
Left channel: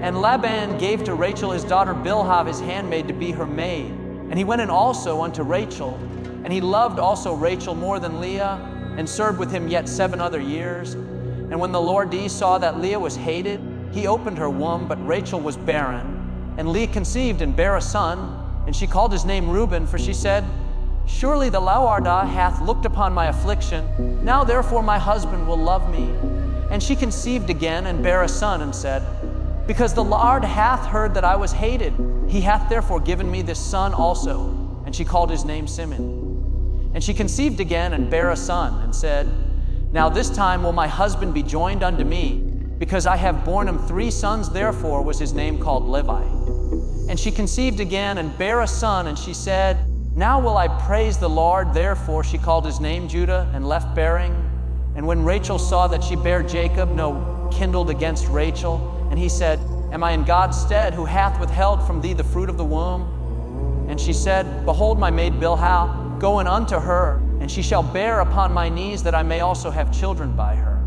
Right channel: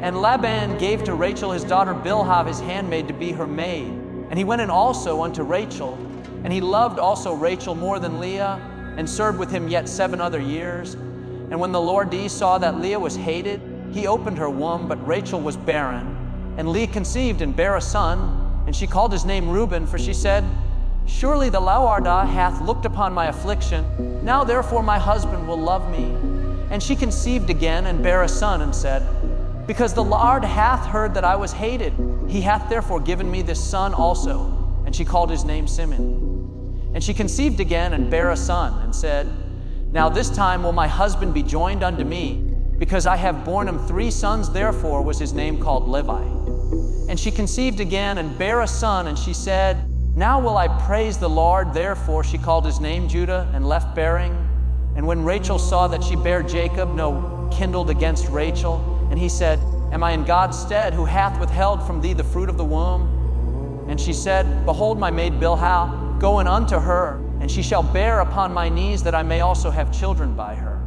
And Laban gave to Rachel his daughter Bilhah his handmaid to be her maid. And he went in also unto Rachel, and he loved also Rachel more than Leah, and served with him yet 7 other years. And when the Lord D saw that Leah was hated, he opened her womb, but Rachel was barren. And Leah conceived and bare a son, and she called his name Reuben, for she said, Surely the Lord hath looked upon my affliction. Now therefore my husband will love me. And she conceived again and bare a son, and said, Because the Lord hath heard that I was hated, he hath therefore given me this son also. And she called his name Simeon. And she conceived again and bare a son, and said, Now this time will my husband be joined unto me, because I have borne him 3 sons, therefore was his name called Levi. And she conceived again and bare a son, and she said, Now will I praise the Lord, therefore she called his name Judah, and left bearing. And when Rachel saw that she bare Jacob, no kindled against Rachel, and he said, Am I in God's stead, who hath withheld from thee the fruit of the womb? And she said, Behold my maid Bilhah, go in unto her, and she shall bear upon my knees, that I may also have children by her.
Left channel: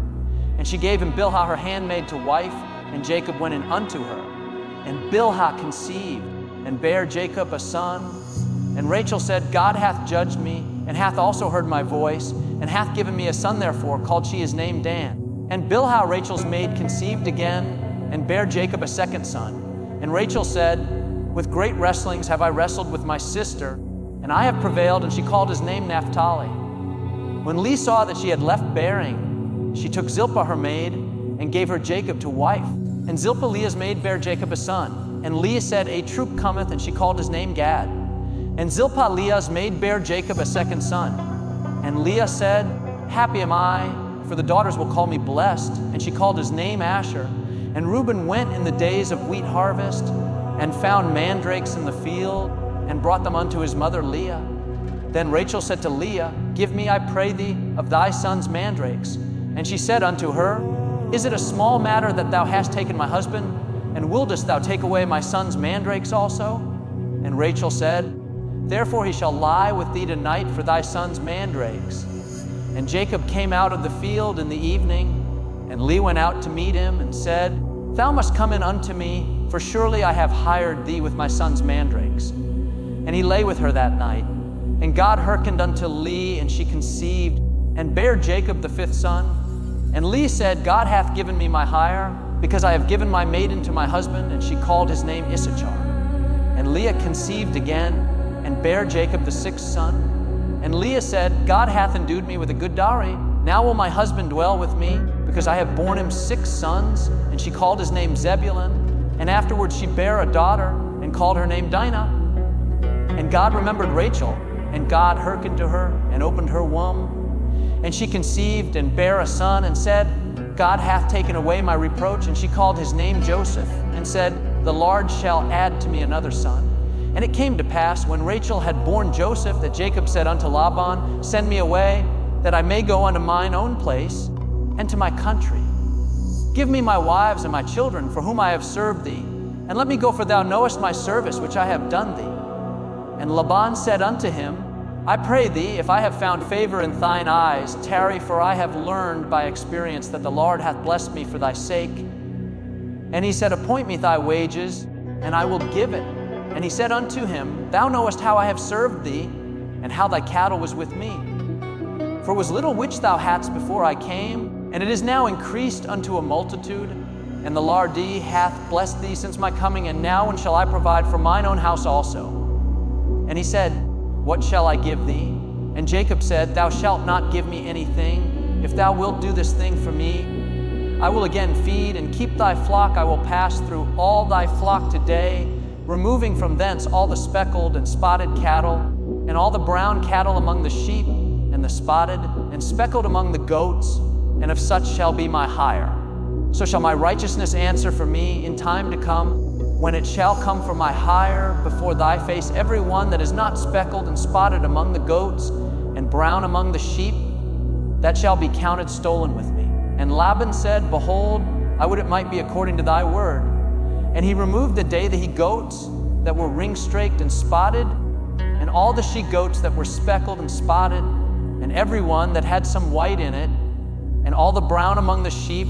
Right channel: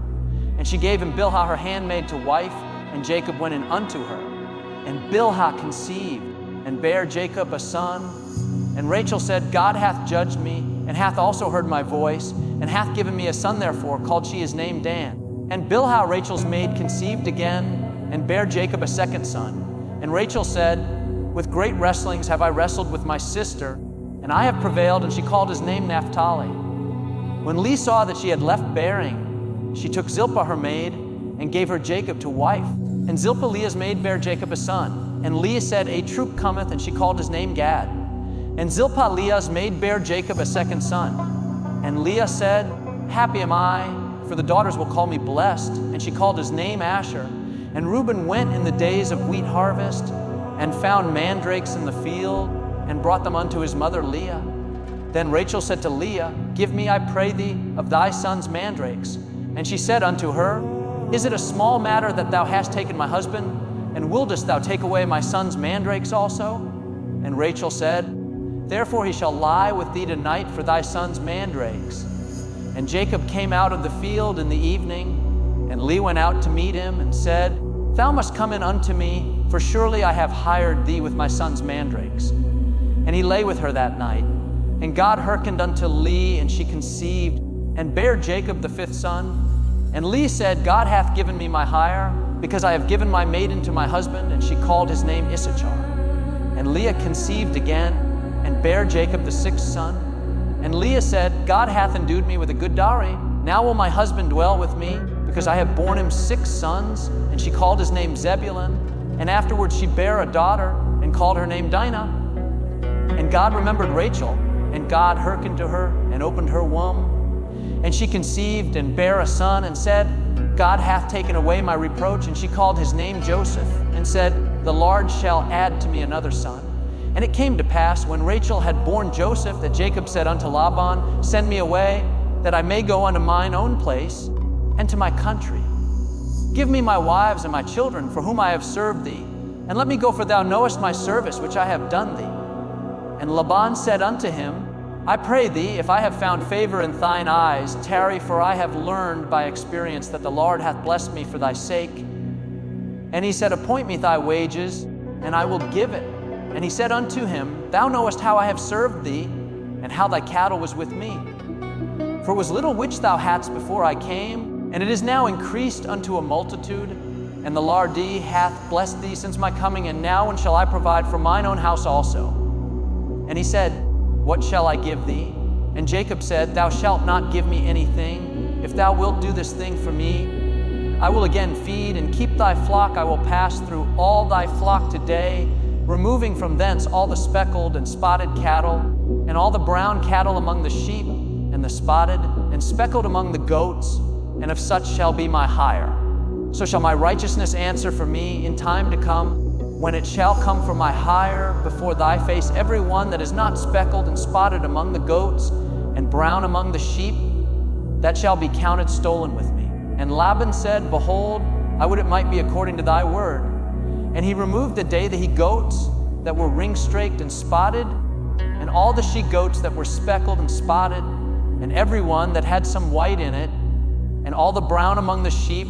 And she gave him Bilhah her handmaid to wife, and Jacob went in unto her. And Bilhah conceived, and bare Jacob a son. And Rachel said, God hath judged me, and hath also heard my voice, and hath given me a son therefore, called she his name Dan. And Bilhah Rachel's maid conceived again, and bare Jacob a 2nd son. And Rachel said, With great wrestlings have I wrestled with my sister, and I have prevailed, and she called his name Naphtali. When Leah saw that she had left bearing, she took Zilpah her maid, and gave her Jacob to wife. And Zilpah Leah's maid bare Jacob a son. And Leah said, A troop cometh, and she called his name Gad. And Zilpah Leah's maid bare Jacob a 2nd son. And Leah said, Happy am I, for the daughters will call me blessed. And she called his name Asher. And Reuben went in the days of wheat harvest, and found mandrakes in the field, and brought them unto his mother Leah. Then Rachel said to Leah, Give me, I pray thee, of thy son's mandrakes. And she said unto her, Is it a small matter that thou hast taken my husband? And wouldest thou take away my son's mandrakes also? And Rachel said, Therefore he shall lie with thee tonight for thy son's mandrakes. And Jacob came out of the field in the evening, and Leah went out to meet him, and said, Thou must come in unto me, for surely I have hired thee with my son's mandrakes. And he lay with her that night. And God hearkened unto Leah, and she conceived, and bare Jacob the 5th son. And Leah said, God hath given me my hire, because I have given my maiden to my husband. And she called his name Issachar. And Leah conceived again, and bare Jacob the 6th son. And Leah said, God hath endued me with a good dowry. Now will my husband dwell with me, because I have borne him 6 sons. And she called his name Zebulun. And afterwards she bare a daughter, and called her name Dinah. And God remembered Rachel, and God hearkened to her, and opened her womb. And she conceived, and bare a son, and said, God hath taken away my reproach. And she called his name Joseph, and said, The Lord shall add to me another son. And it came to pass, when Rachel had borne Joseph, that Jacob said unto Laban, Send me away, that I may go unto mine own place, and to my country. Give me my wives and my children, for whom I have served thee, and let me go, for thou knowest my service which I have done thee. And Laban said unto him, I pray thee, if I have found favor in thine eyes, tarry, for I have learned by experience that the Lord hath blessed me for thy sake. And he said, Appoint me thy wages, and I will give it. And he said unto him, Thou knowest how I have served thee, and how thy cattle was with me. For it was little which thou hadst before I came, and it is now increased unto a multitude. And the Lord D hath blessed thee since my coming, and now when shall I provide for mine own house also? And he said, What shall I give thee? And Jacob said, Thou shalt not give me anything. If thou wilt do this thing for me, I will again feed and keep thy flock. I will pass through all thy flock today, removing from thence all the speckled and spotted cattle, and all the brown cattle among the sheep, and the spotted and speckled among the goats, and of such shall be my hire. So shall my righteousness answer for me in time to come, when it shall come for my hire before thy face, every one that is not speckled and spotted among the goats and brown among the sheep, that shall be counted stolen with me. And Laban said, Behold, I would it might be according to thy word. And he removed the day the he-goats that were ring-straked and spotted, and all the she-goats that were speckled and spotted, and every one that had some white in it, and all the brown among the sheep,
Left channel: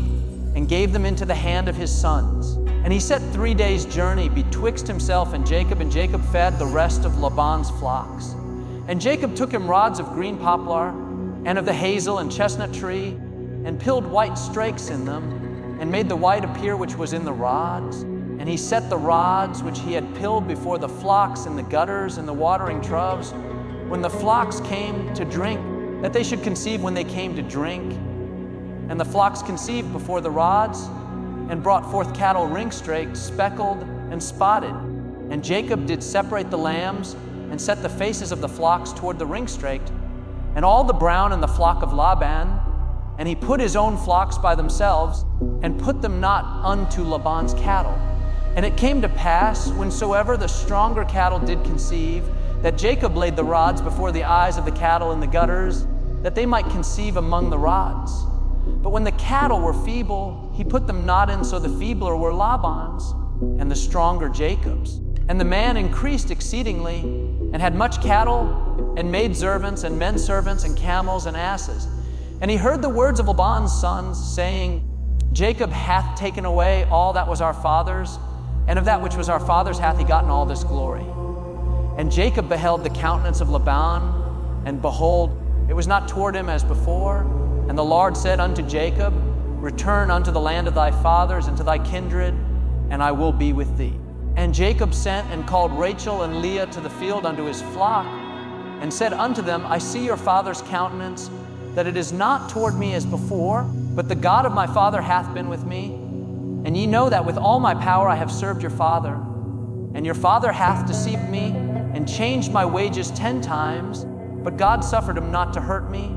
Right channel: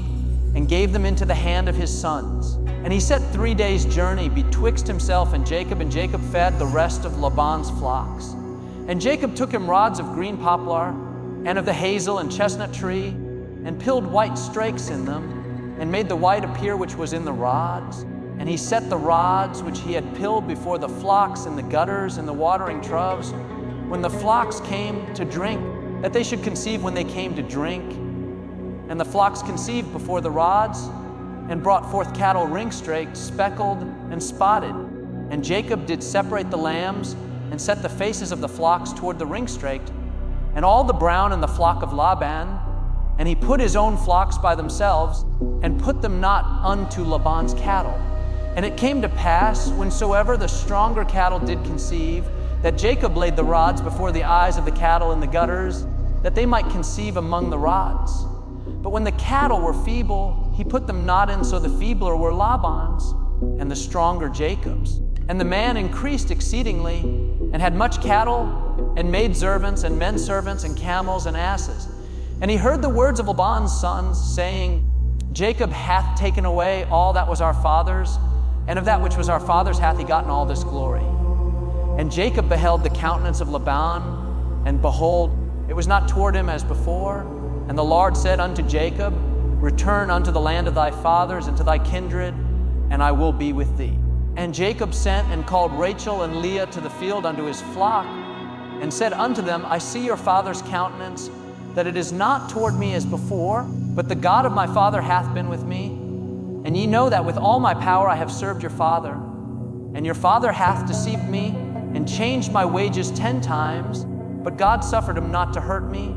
and gave them into the hand of his sons. And he set 3 days' journey betwixt himself and Jacob fed the rest of Laban's flocks. And Jacob took him rods of green poplar, and of the hazel and chestnut tree, and pilled white strakes in them, and made the white appear which was in the rods. And he set the rods which he had pilled before the flocks in the gutters and the watering troughs, when the flocks came to drink, that they should conceive when they came to drink. And the flocks conceived before the rods, and brought forth cattle ring-straked, speckled, and spotted. And Jacob did separate the lambs, and set the faces of the flocks toward the ring-straked, and all the brown in the flock of Laban. And he put his own flocks by themselves, and put them not unto Laban's cattle. And it came to pass, whensoever the stronger cattle did conceive, that Jacob laid the rods before the eyes of the cattle in the gutters, that they might conceive among the rods. But when the cattle were feeble, he put them not in, so the feebler were Laban's, and the stronger Jacob's. And the man increased exceedingly, and had much cattle, and maidservants, and men servants, and camels, and asses. And he heard the words of Laban's sons, saying, Jacob hath taken away all that was our father's, and of that which was our father's hath he gotten all this glory. And Jacob beheld the countenance of Laban, and behold, it was not toward him as before. And the Lord said unto Jacob, Return unto the land of thy fathers and to thy kindred, and I will be with thee. And Jacob sent and called Rachel and Leah to the field unto his flock, and said unto them, I see your father's countenance, that it is not toward me as before, but the God of my father hath been with me. And ye know that with all my power I have served your father. And your father hath deceived me, and changed my wages 10 times, but God suffered him not to hurt me.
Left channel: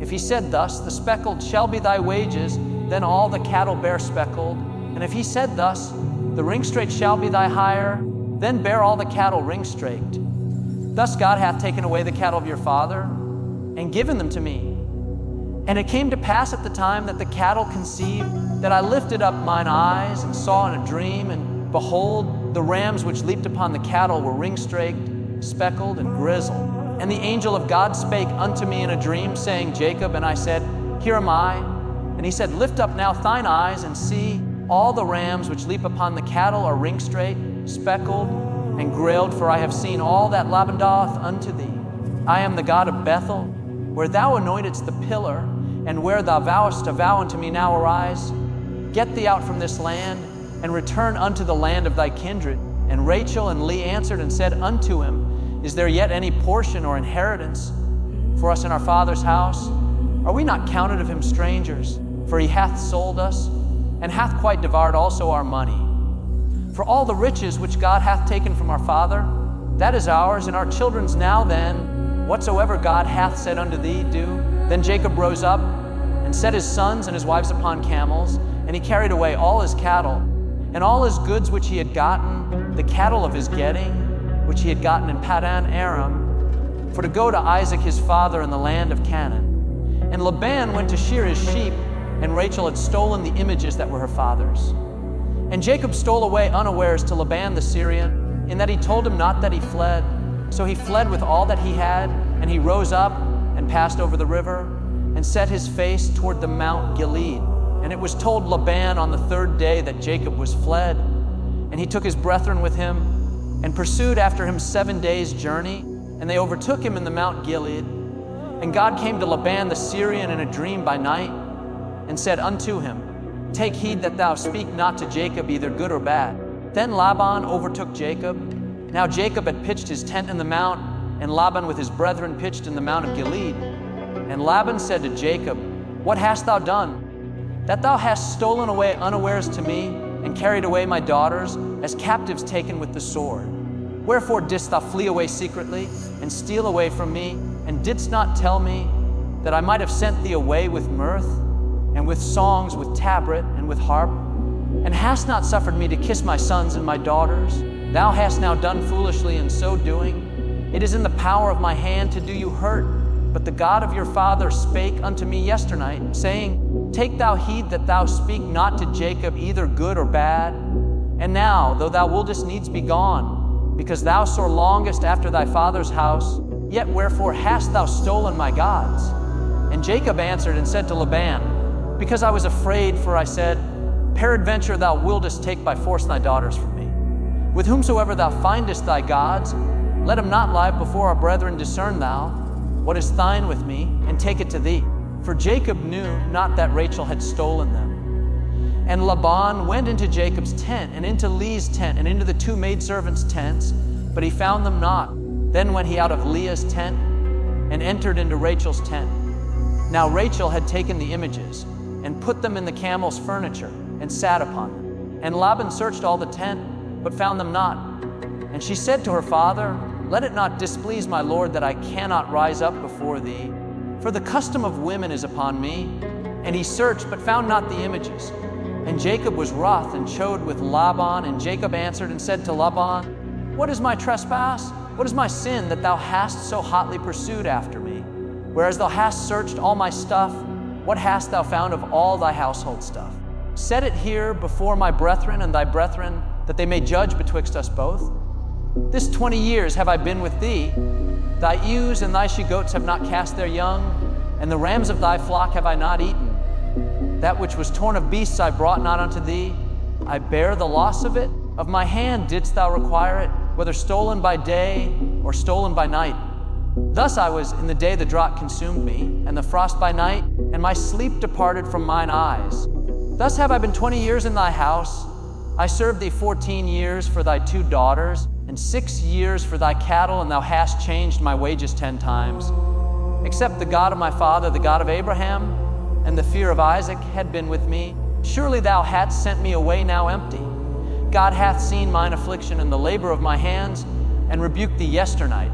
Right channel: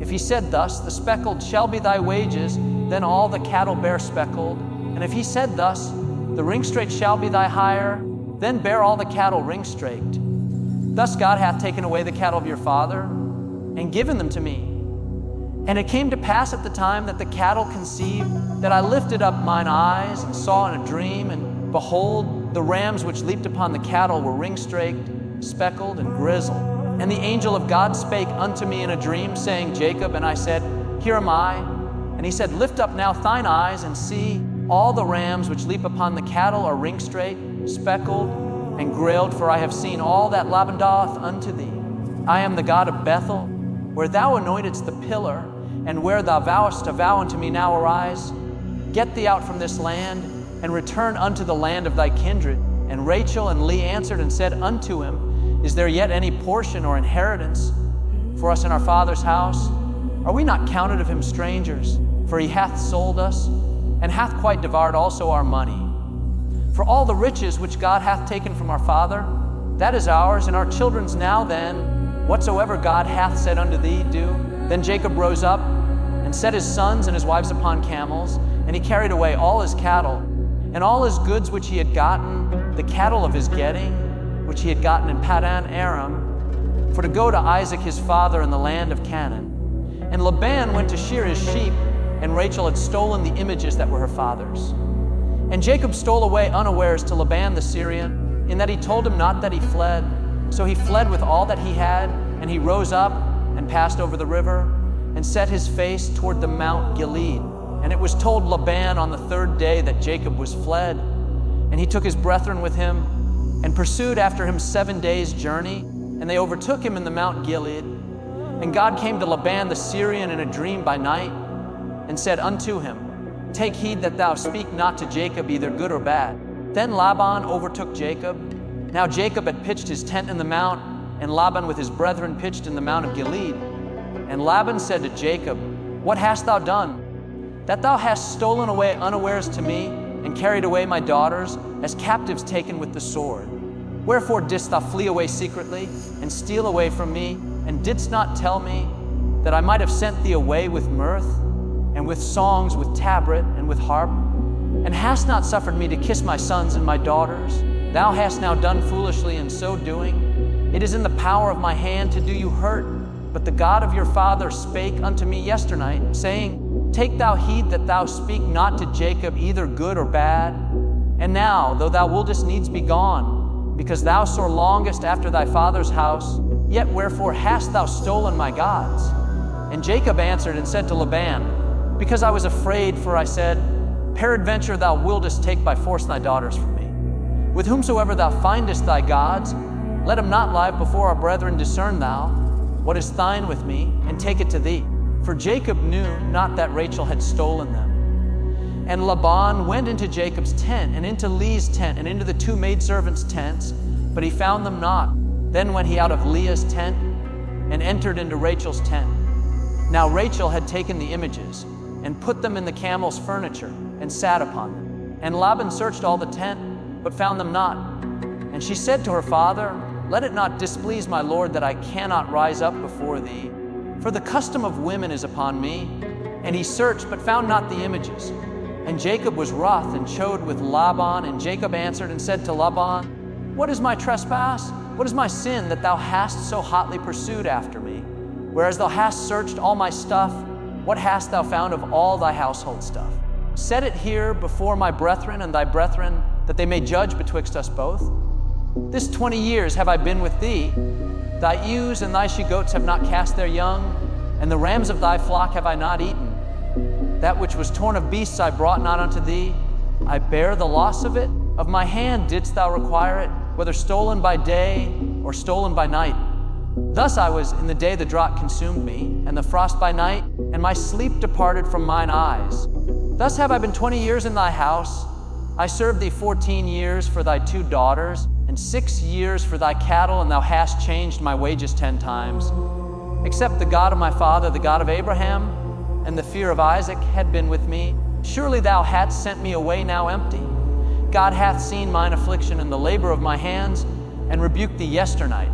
If he said thus, The speckled shall be thy wages, then all the cattle bear speckled. And if he said thus, The ring-straked shall be thy hire, then bear all the cattle ring-straked. Thus God hath taken away the cattle of your father, and given them to me. And it came to pass at the time that the cattle conceived, that I lifted up mine eyes, and saw in a dream, and behold, the rams which leaped upon the cattle were ring-straked, speckled, and grizzled. And the angel of God spake unto me in a dream, saying, Jacob. And I said, Here am I. And he said, Lift up now thine eyes, and see, all the rams which leap upon the cattle are ring-straked, speckled, and grilled, for I have seen all that Laban doth unto thee. I am the God of Bethel, where thou anointedst the pillar, and where thou vowest a vow unto me. Now arise, get thee out from this land, and return unto the land of thy kindred. And Rachel and Leah answered and said unto him, Is there yet any portion or inheritance for us in our father's house? Are we not counted of him strangers? For he hath sold us, and hath quite devoured also our money. For all the riches which God hath taken from our father, that is ours, and our children's. Now then, whatsoever God hath said unto thee, do. Then Jacob rose up, and set his sons and his wives upon camels, and he carried away all his cattle, and all his goods which he had gotten, the cattle of his getting, which he had gotten in Paddan Aram, for to go to Isaac his father in the land of Canaan. And Laban went to shear his sheep, and Rachel had stolen the images that were her father's. And Jacob stole away unawares to Laban the Syrian, in that he told him not that he fled. So he fled with all that he had, and he rose up and passed over the river, and set his face toward the Mount Gilead. And it was told Laban on the 3rd day that Jacob was fled. And he took his brethren with him, and pursued after him 7 days' journey, and they overtook him in the Mount Gilead. And God came to Laban the Syrian in a dream by night, and said unto him, Take heed that thou speak not to Jacob either good or bad. Then Laban overtook Jacob. Now Jacob had pitched his tent in the mount, and Laban with his brethren pitched in the Mount of Gilead. And Laban said to Jacob, What hast thou done? That thou hast stolen away unawares to me, and carried away my daughters, as captives taken with the sword. Wherefore didst thou flee away secretly, and steal away from me, and didst not tell me, that I might have sent thee away with mirth? and with songs, with tabret, and with harp, and hast not suffered me to kiss my sons and my daughters. Thou hast now done foolishly in so doing. It is in the power of my hand to do you hurt. But the God of your father spake unto me yesternight, saying, Take thou heed that thou speak not to Jacob either good or bad. And now, though thou wouldest needs be gone, because thou sore longest after thy father's house, yet wherefore hast thou stolen my gods? And Jacob answered and said to Laban, Because I was afraid, for I said, Peradventure thou wouldest take by force thy daughters from me. With whomsoever thou findest thy gods, let him not lie before our brethren. Discern thou what is thine with me, and take it to thee. For Jacob knew not that Rachel had stolen them. And Laban went into Jacob's tent, and into Leah's tent, and into the two maidservants' tents, but he found them not. Then went he out of Leah's tent, and entered into Rachel's tent. Now Rachel had taken the images, and put them in the camel's furniture, and sat upon them. And Laban searched all the tent, but found them not. And she said to her father, Let it not displease my lord that I cannot rise up before thee, for the custom of women is upon me. And he searched, but found not the images. And Jacob was wroth and chode with Laban. And Jacob answered and said to Laban, What is my trespass? What is my sin that thou hast so hotly pursued after me? Whereas thou hast searched all my stuff, what hast thou found of all thy household stuff? Set it here before my brethren and thy brethren, that they may judge betwixt us both. This 20 years have I been with thee. Thy ewes and thy she-goats have not cast their young, and the rams of thy flock have I not eaten. That which was torn of beasts I brought not unto thee. I bear the loss of it. Of my hand didst thou require it, whether stolen by day or stolen by night. Thus I was in the day the drought consumed me, and the frost by night, and my sleep departed from mine eyes. Thus have I been 20 years in thy house. I served thee 14 years for thy 2 daughters, and 6 years for thy cattle, and thou hast changed my wages 10 times. Except the God of my father, the God of Abraham, and the fear of Isaac had been with me, surely thou hadst sent me away now empty. God hath seen mine affliction and the labor of my hands, and rebuked thee yesternight.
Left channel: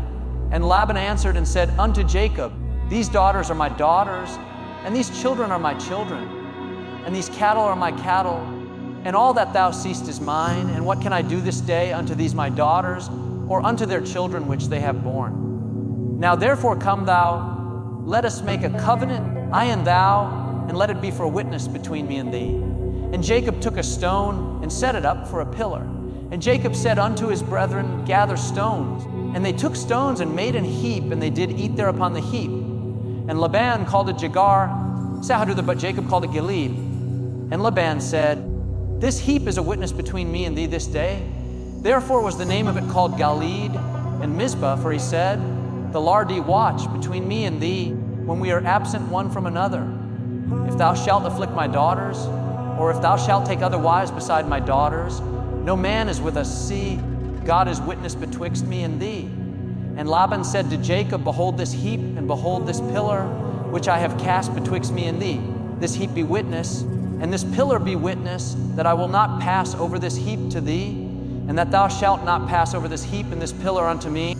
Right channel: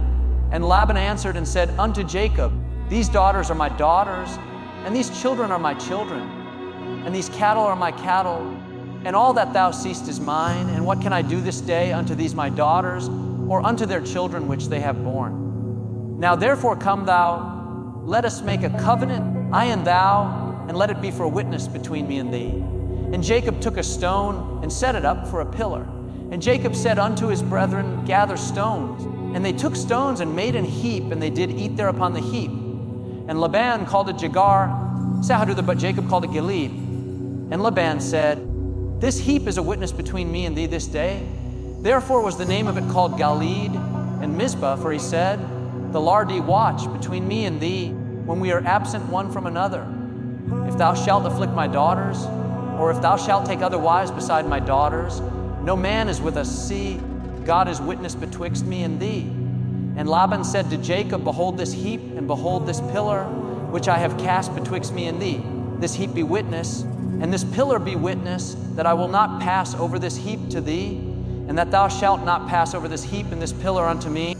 And Laban answered and said unto Jacob, These daughters are my daughters, and these children are my children, and these cattle are my cattle, and all that thou seest is mine. And what can I do this day unto these my daughters, or unto their children which they have borne? Now therefore come thou, let us make a covenant, I and thou, and let it be for a witness between me and thee. And Jacob took a stone and set it up for a pillar. And Jacob said unto his brethren, Gather stones. And they took stones and made an heap, and they did eat there upon the heap. And Laban called it Jagar, but Jacob called it Gilead. And Laban said, This heap is a witness between me and thee this day. Therefore was the name of it called Gilead and Mizpah, for he said, The Lardi watch between me and thee, when we are absent one from another. If thou shalt afflict my daughters, or if thou shalt take other wives beside my daughters, no man is with us. See, God is witness betwixt me and thee. And Laban said to Jacob, Behold this heap, and behold this pillar, which I have cast betwixt me and thee. This heap be witness, and this pillar be witness, that I will not pass over this heap to thee, and that thou shalt not pass over this heap and this pillar unto me.